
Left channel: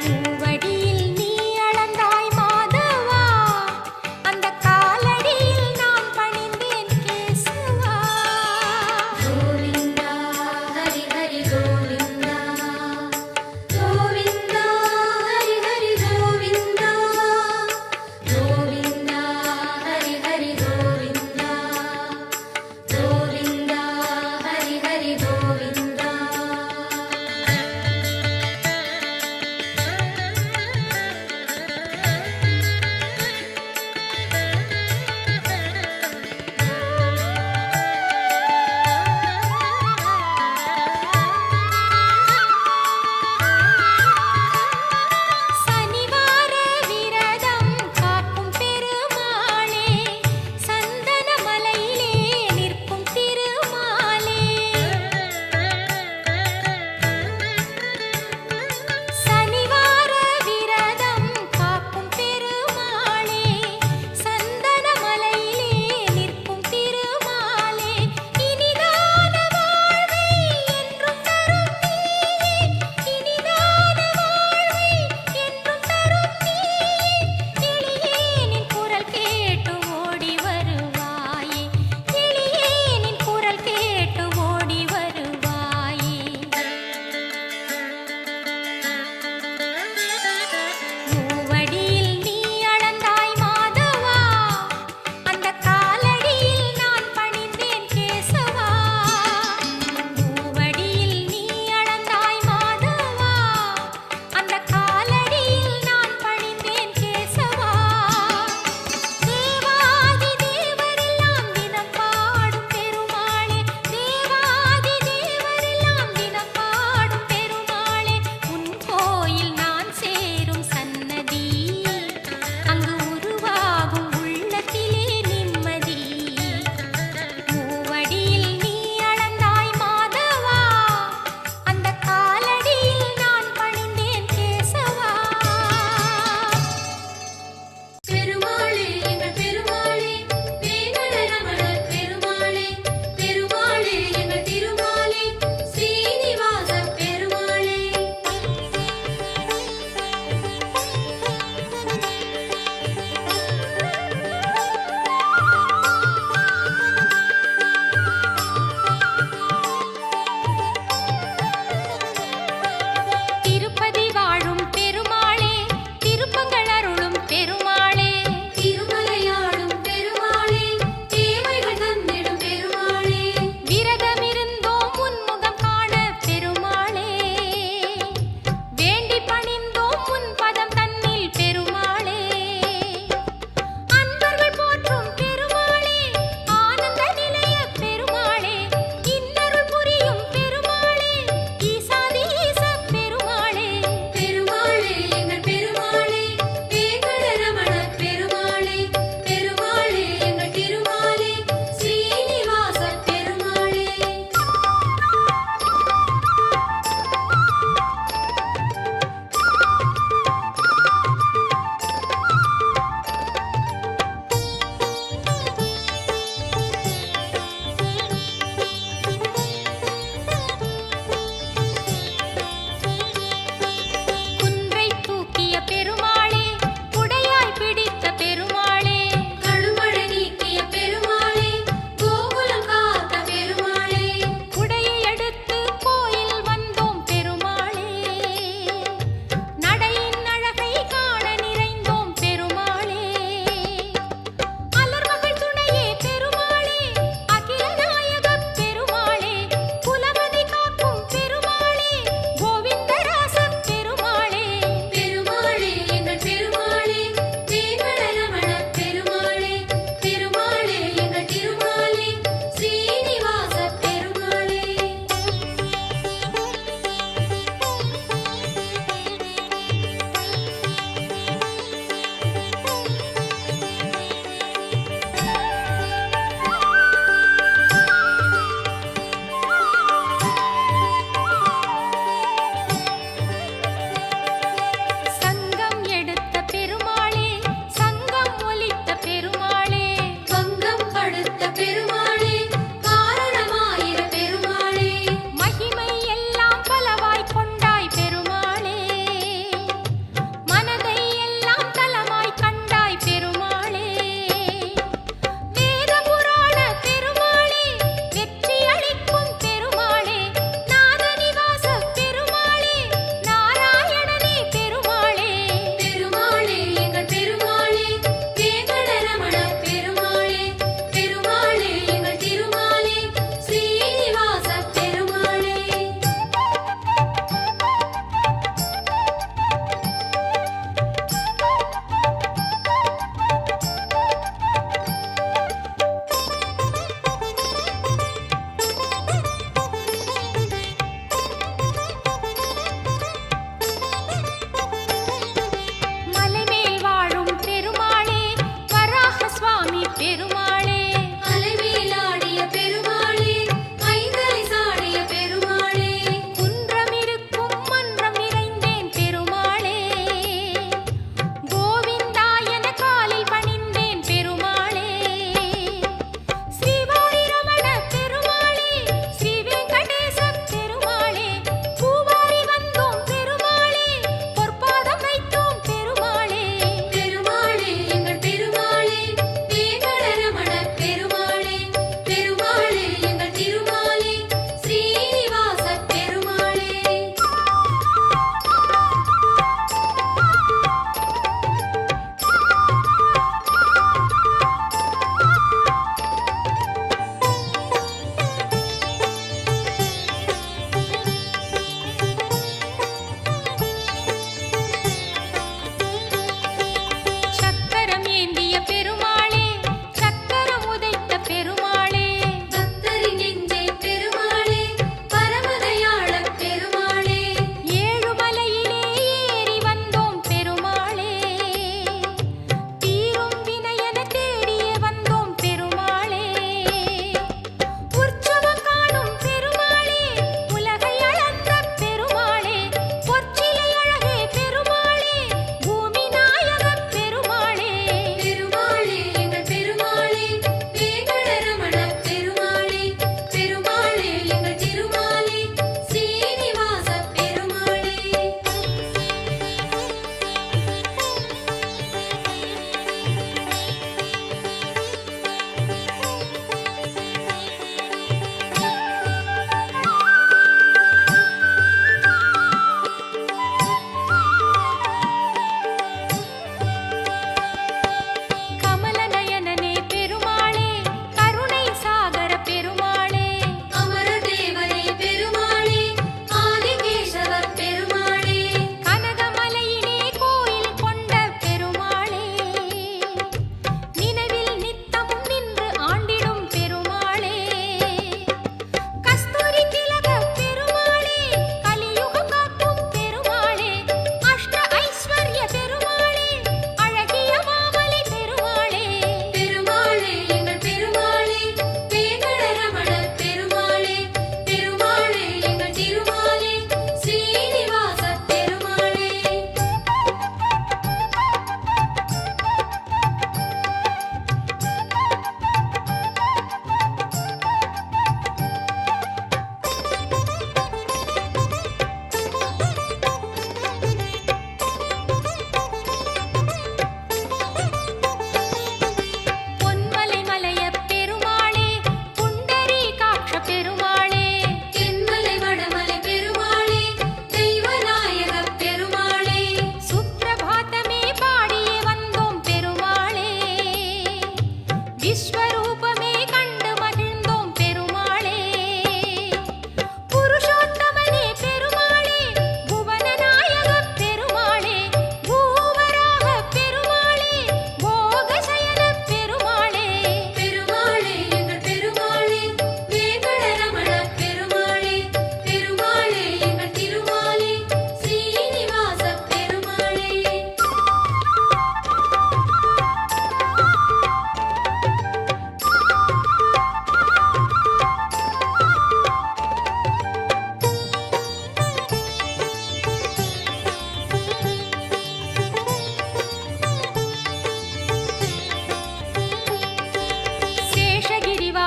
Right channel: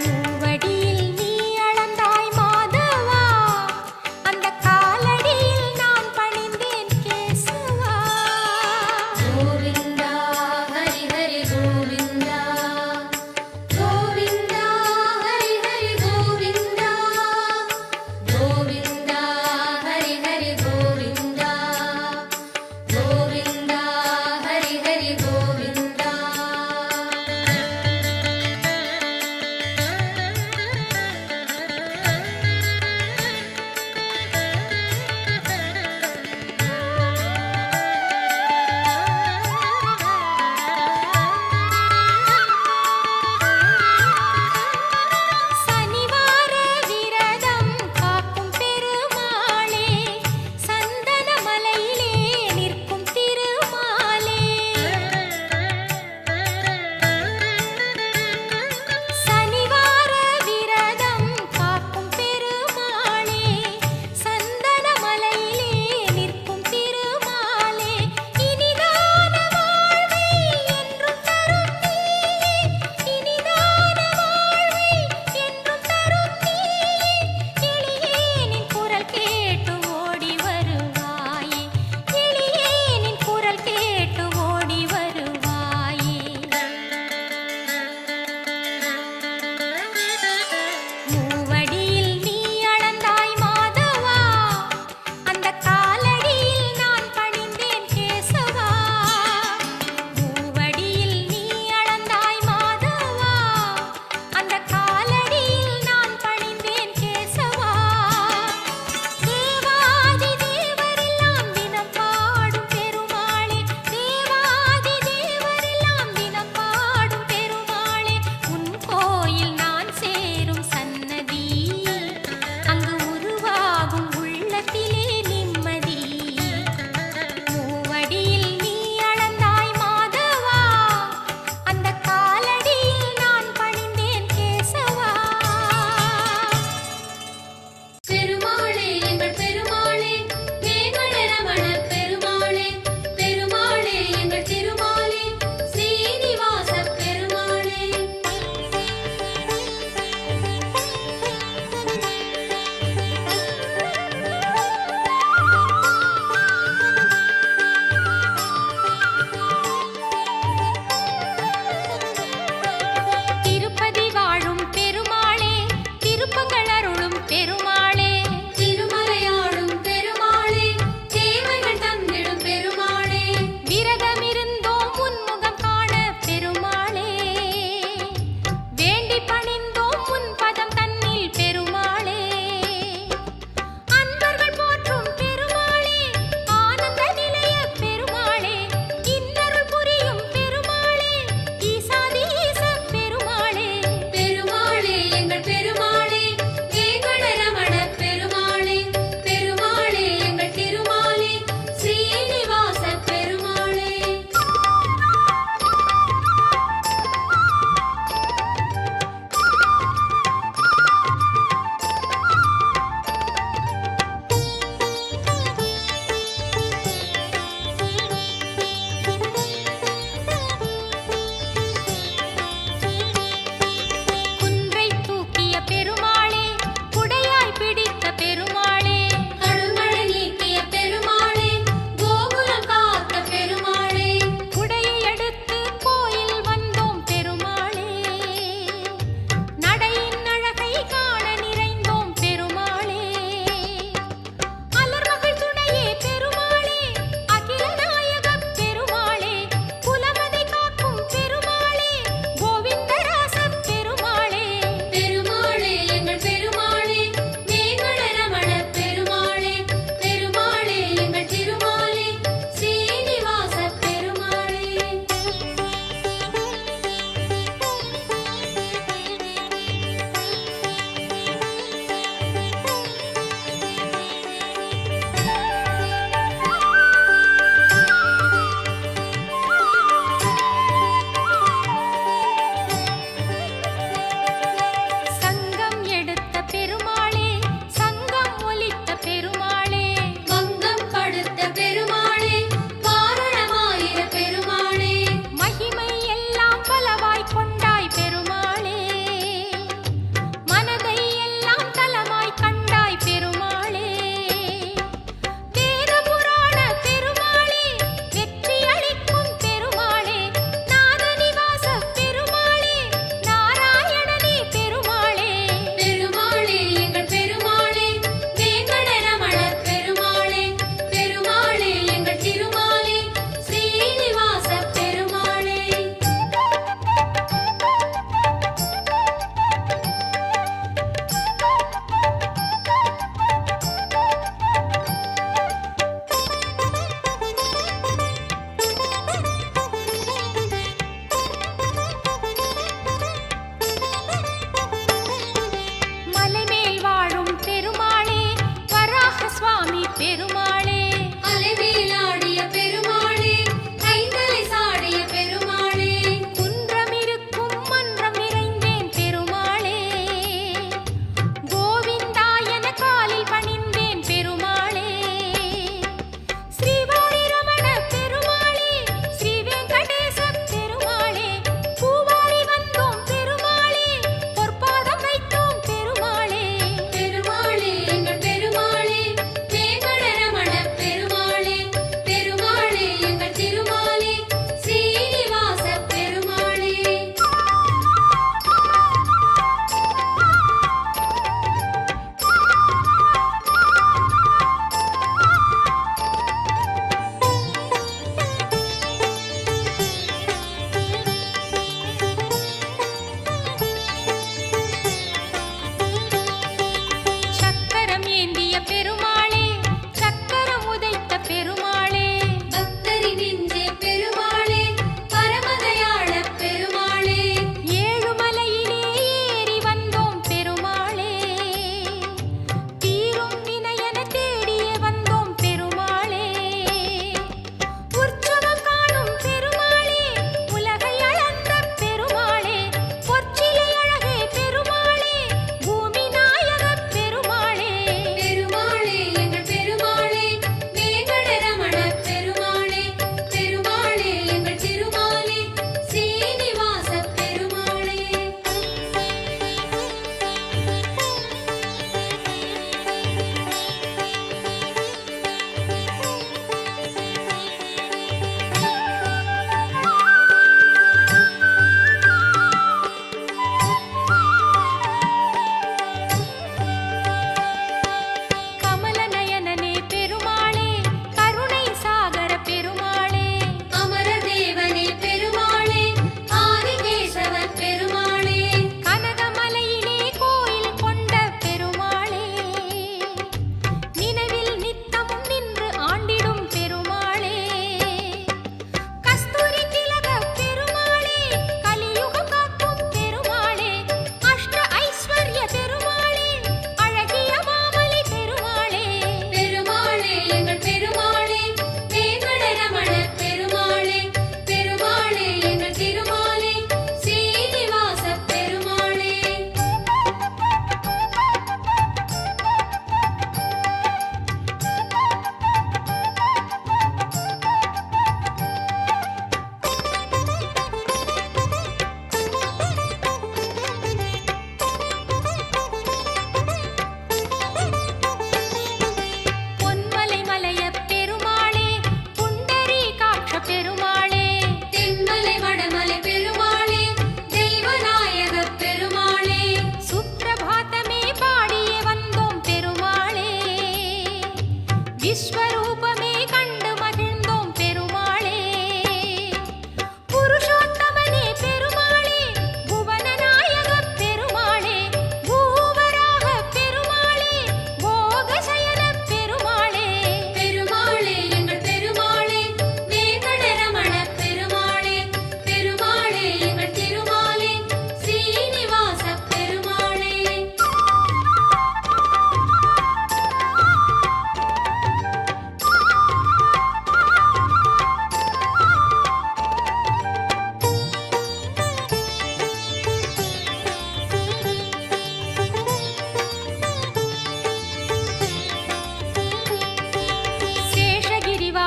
மூவடியில் நீ அளந்தாய் மாதவா, அந்த காலடியில் நான் பணிந்தேன் கேசவா. கோவிந்தா ஹரி ஹரி கோவிந்தா, கோவிந்தா ஹரி ஹரி கோவிந்தா, கோவிந்தா ஹரி ஹரி கோவிந்தா, கோவிந்தா ஹரி ஹரி கோவிந்தா. சனிவார விரதம் காக்கும் பெருமாளே, சந்தன மலையிலே நிற்கும் திருமாலே. சனிவார விரதம் காக்கும் பெருமாளே, சந்தன மலையிலே நிற்கும் திருமாலே. இனிதான வாழ்வை என்றும் தரும் நீயே, இனிதான வாழ்வை என்றும் தரும் நீயே. எளியேனின் குரல் கேட்டு ஓடி வருவாயே, எளியேனின் குரல் கேட்டு ஓடி வருவாயே. மூவடியில் நீ அளந்தாய் மாதவா, அந்த காலடியில் நான் பணிந்தேன் கேசவா. மூவடியில் நீ அளந்தாய் மாதவா, அந்த காலடியில் நான் பணிந்தேன் கேசவா. தேவாதி தேவரெல்லாம் தினம் பாடும் பெருமாளே, தேவாதி தேவரெல்லாம் தினம் பாடும் பெருமாளே. உன் கோயில் நான் சேரும் சன்னதி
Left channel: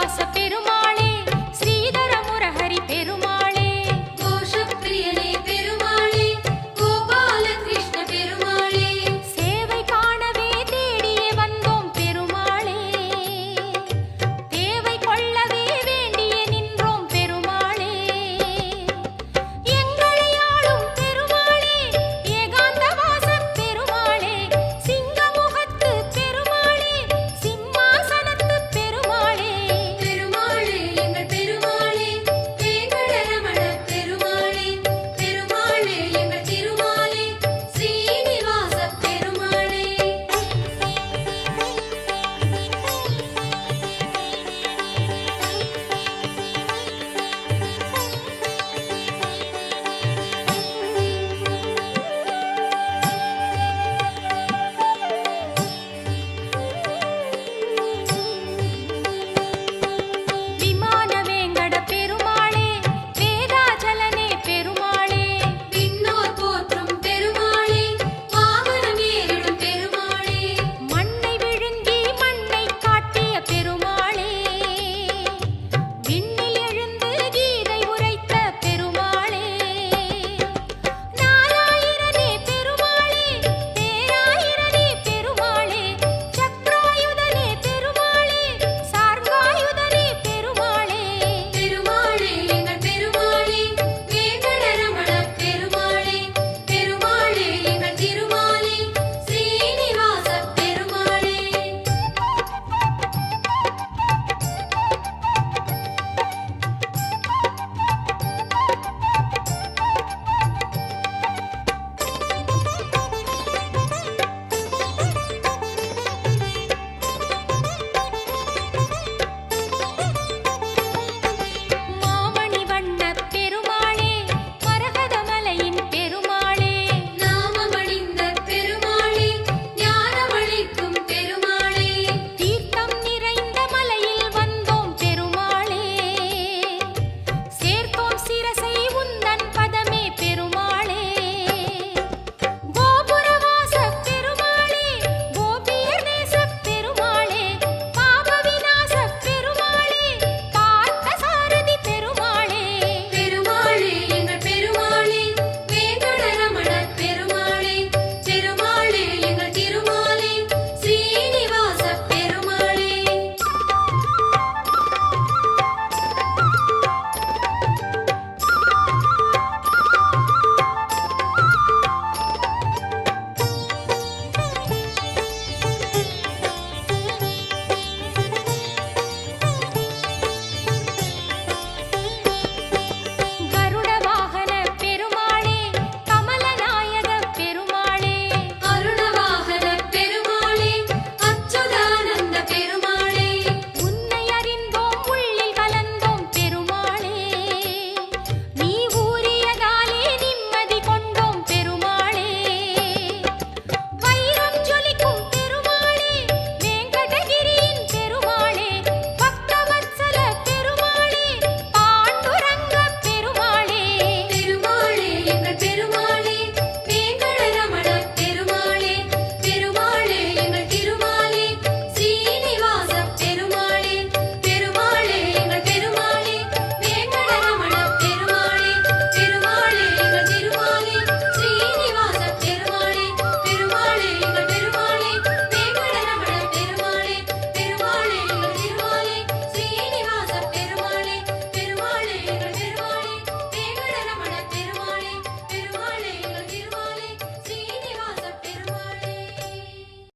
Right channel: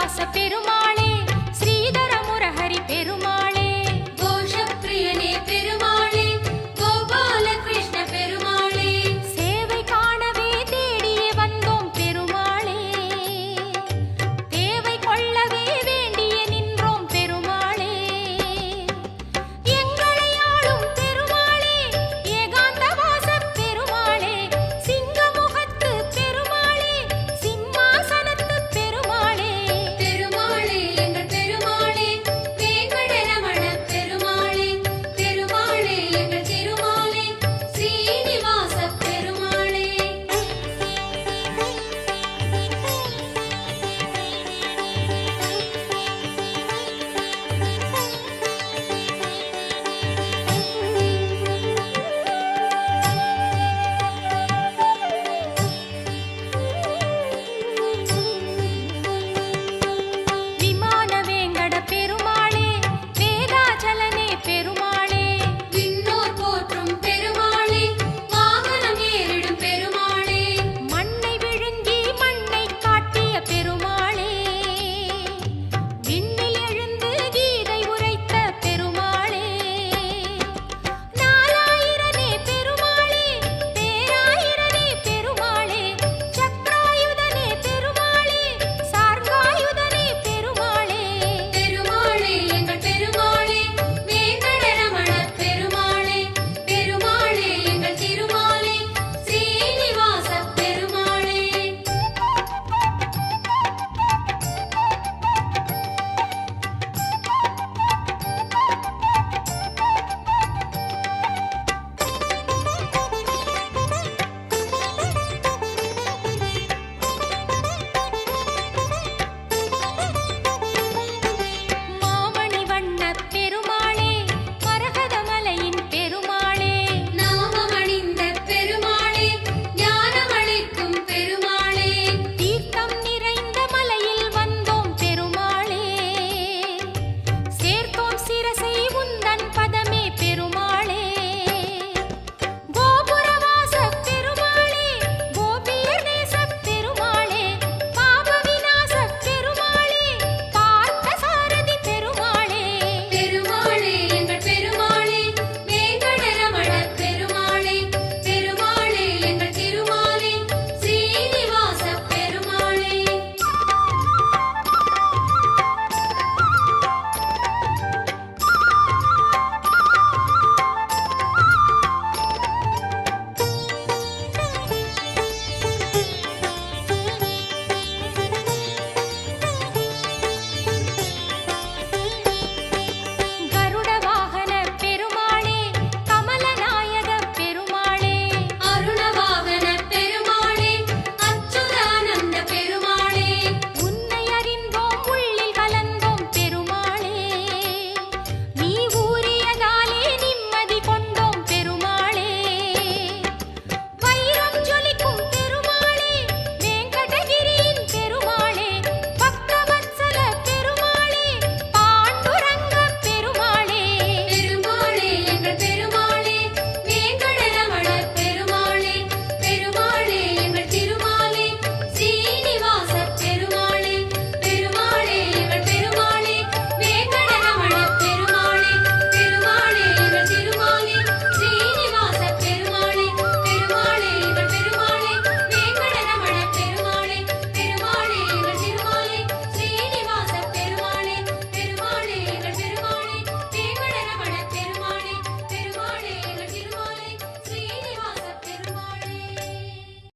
ஸ்ரீனிவாச பெருமாளே ஸ்ரீதர முரஹரி பெருமாளே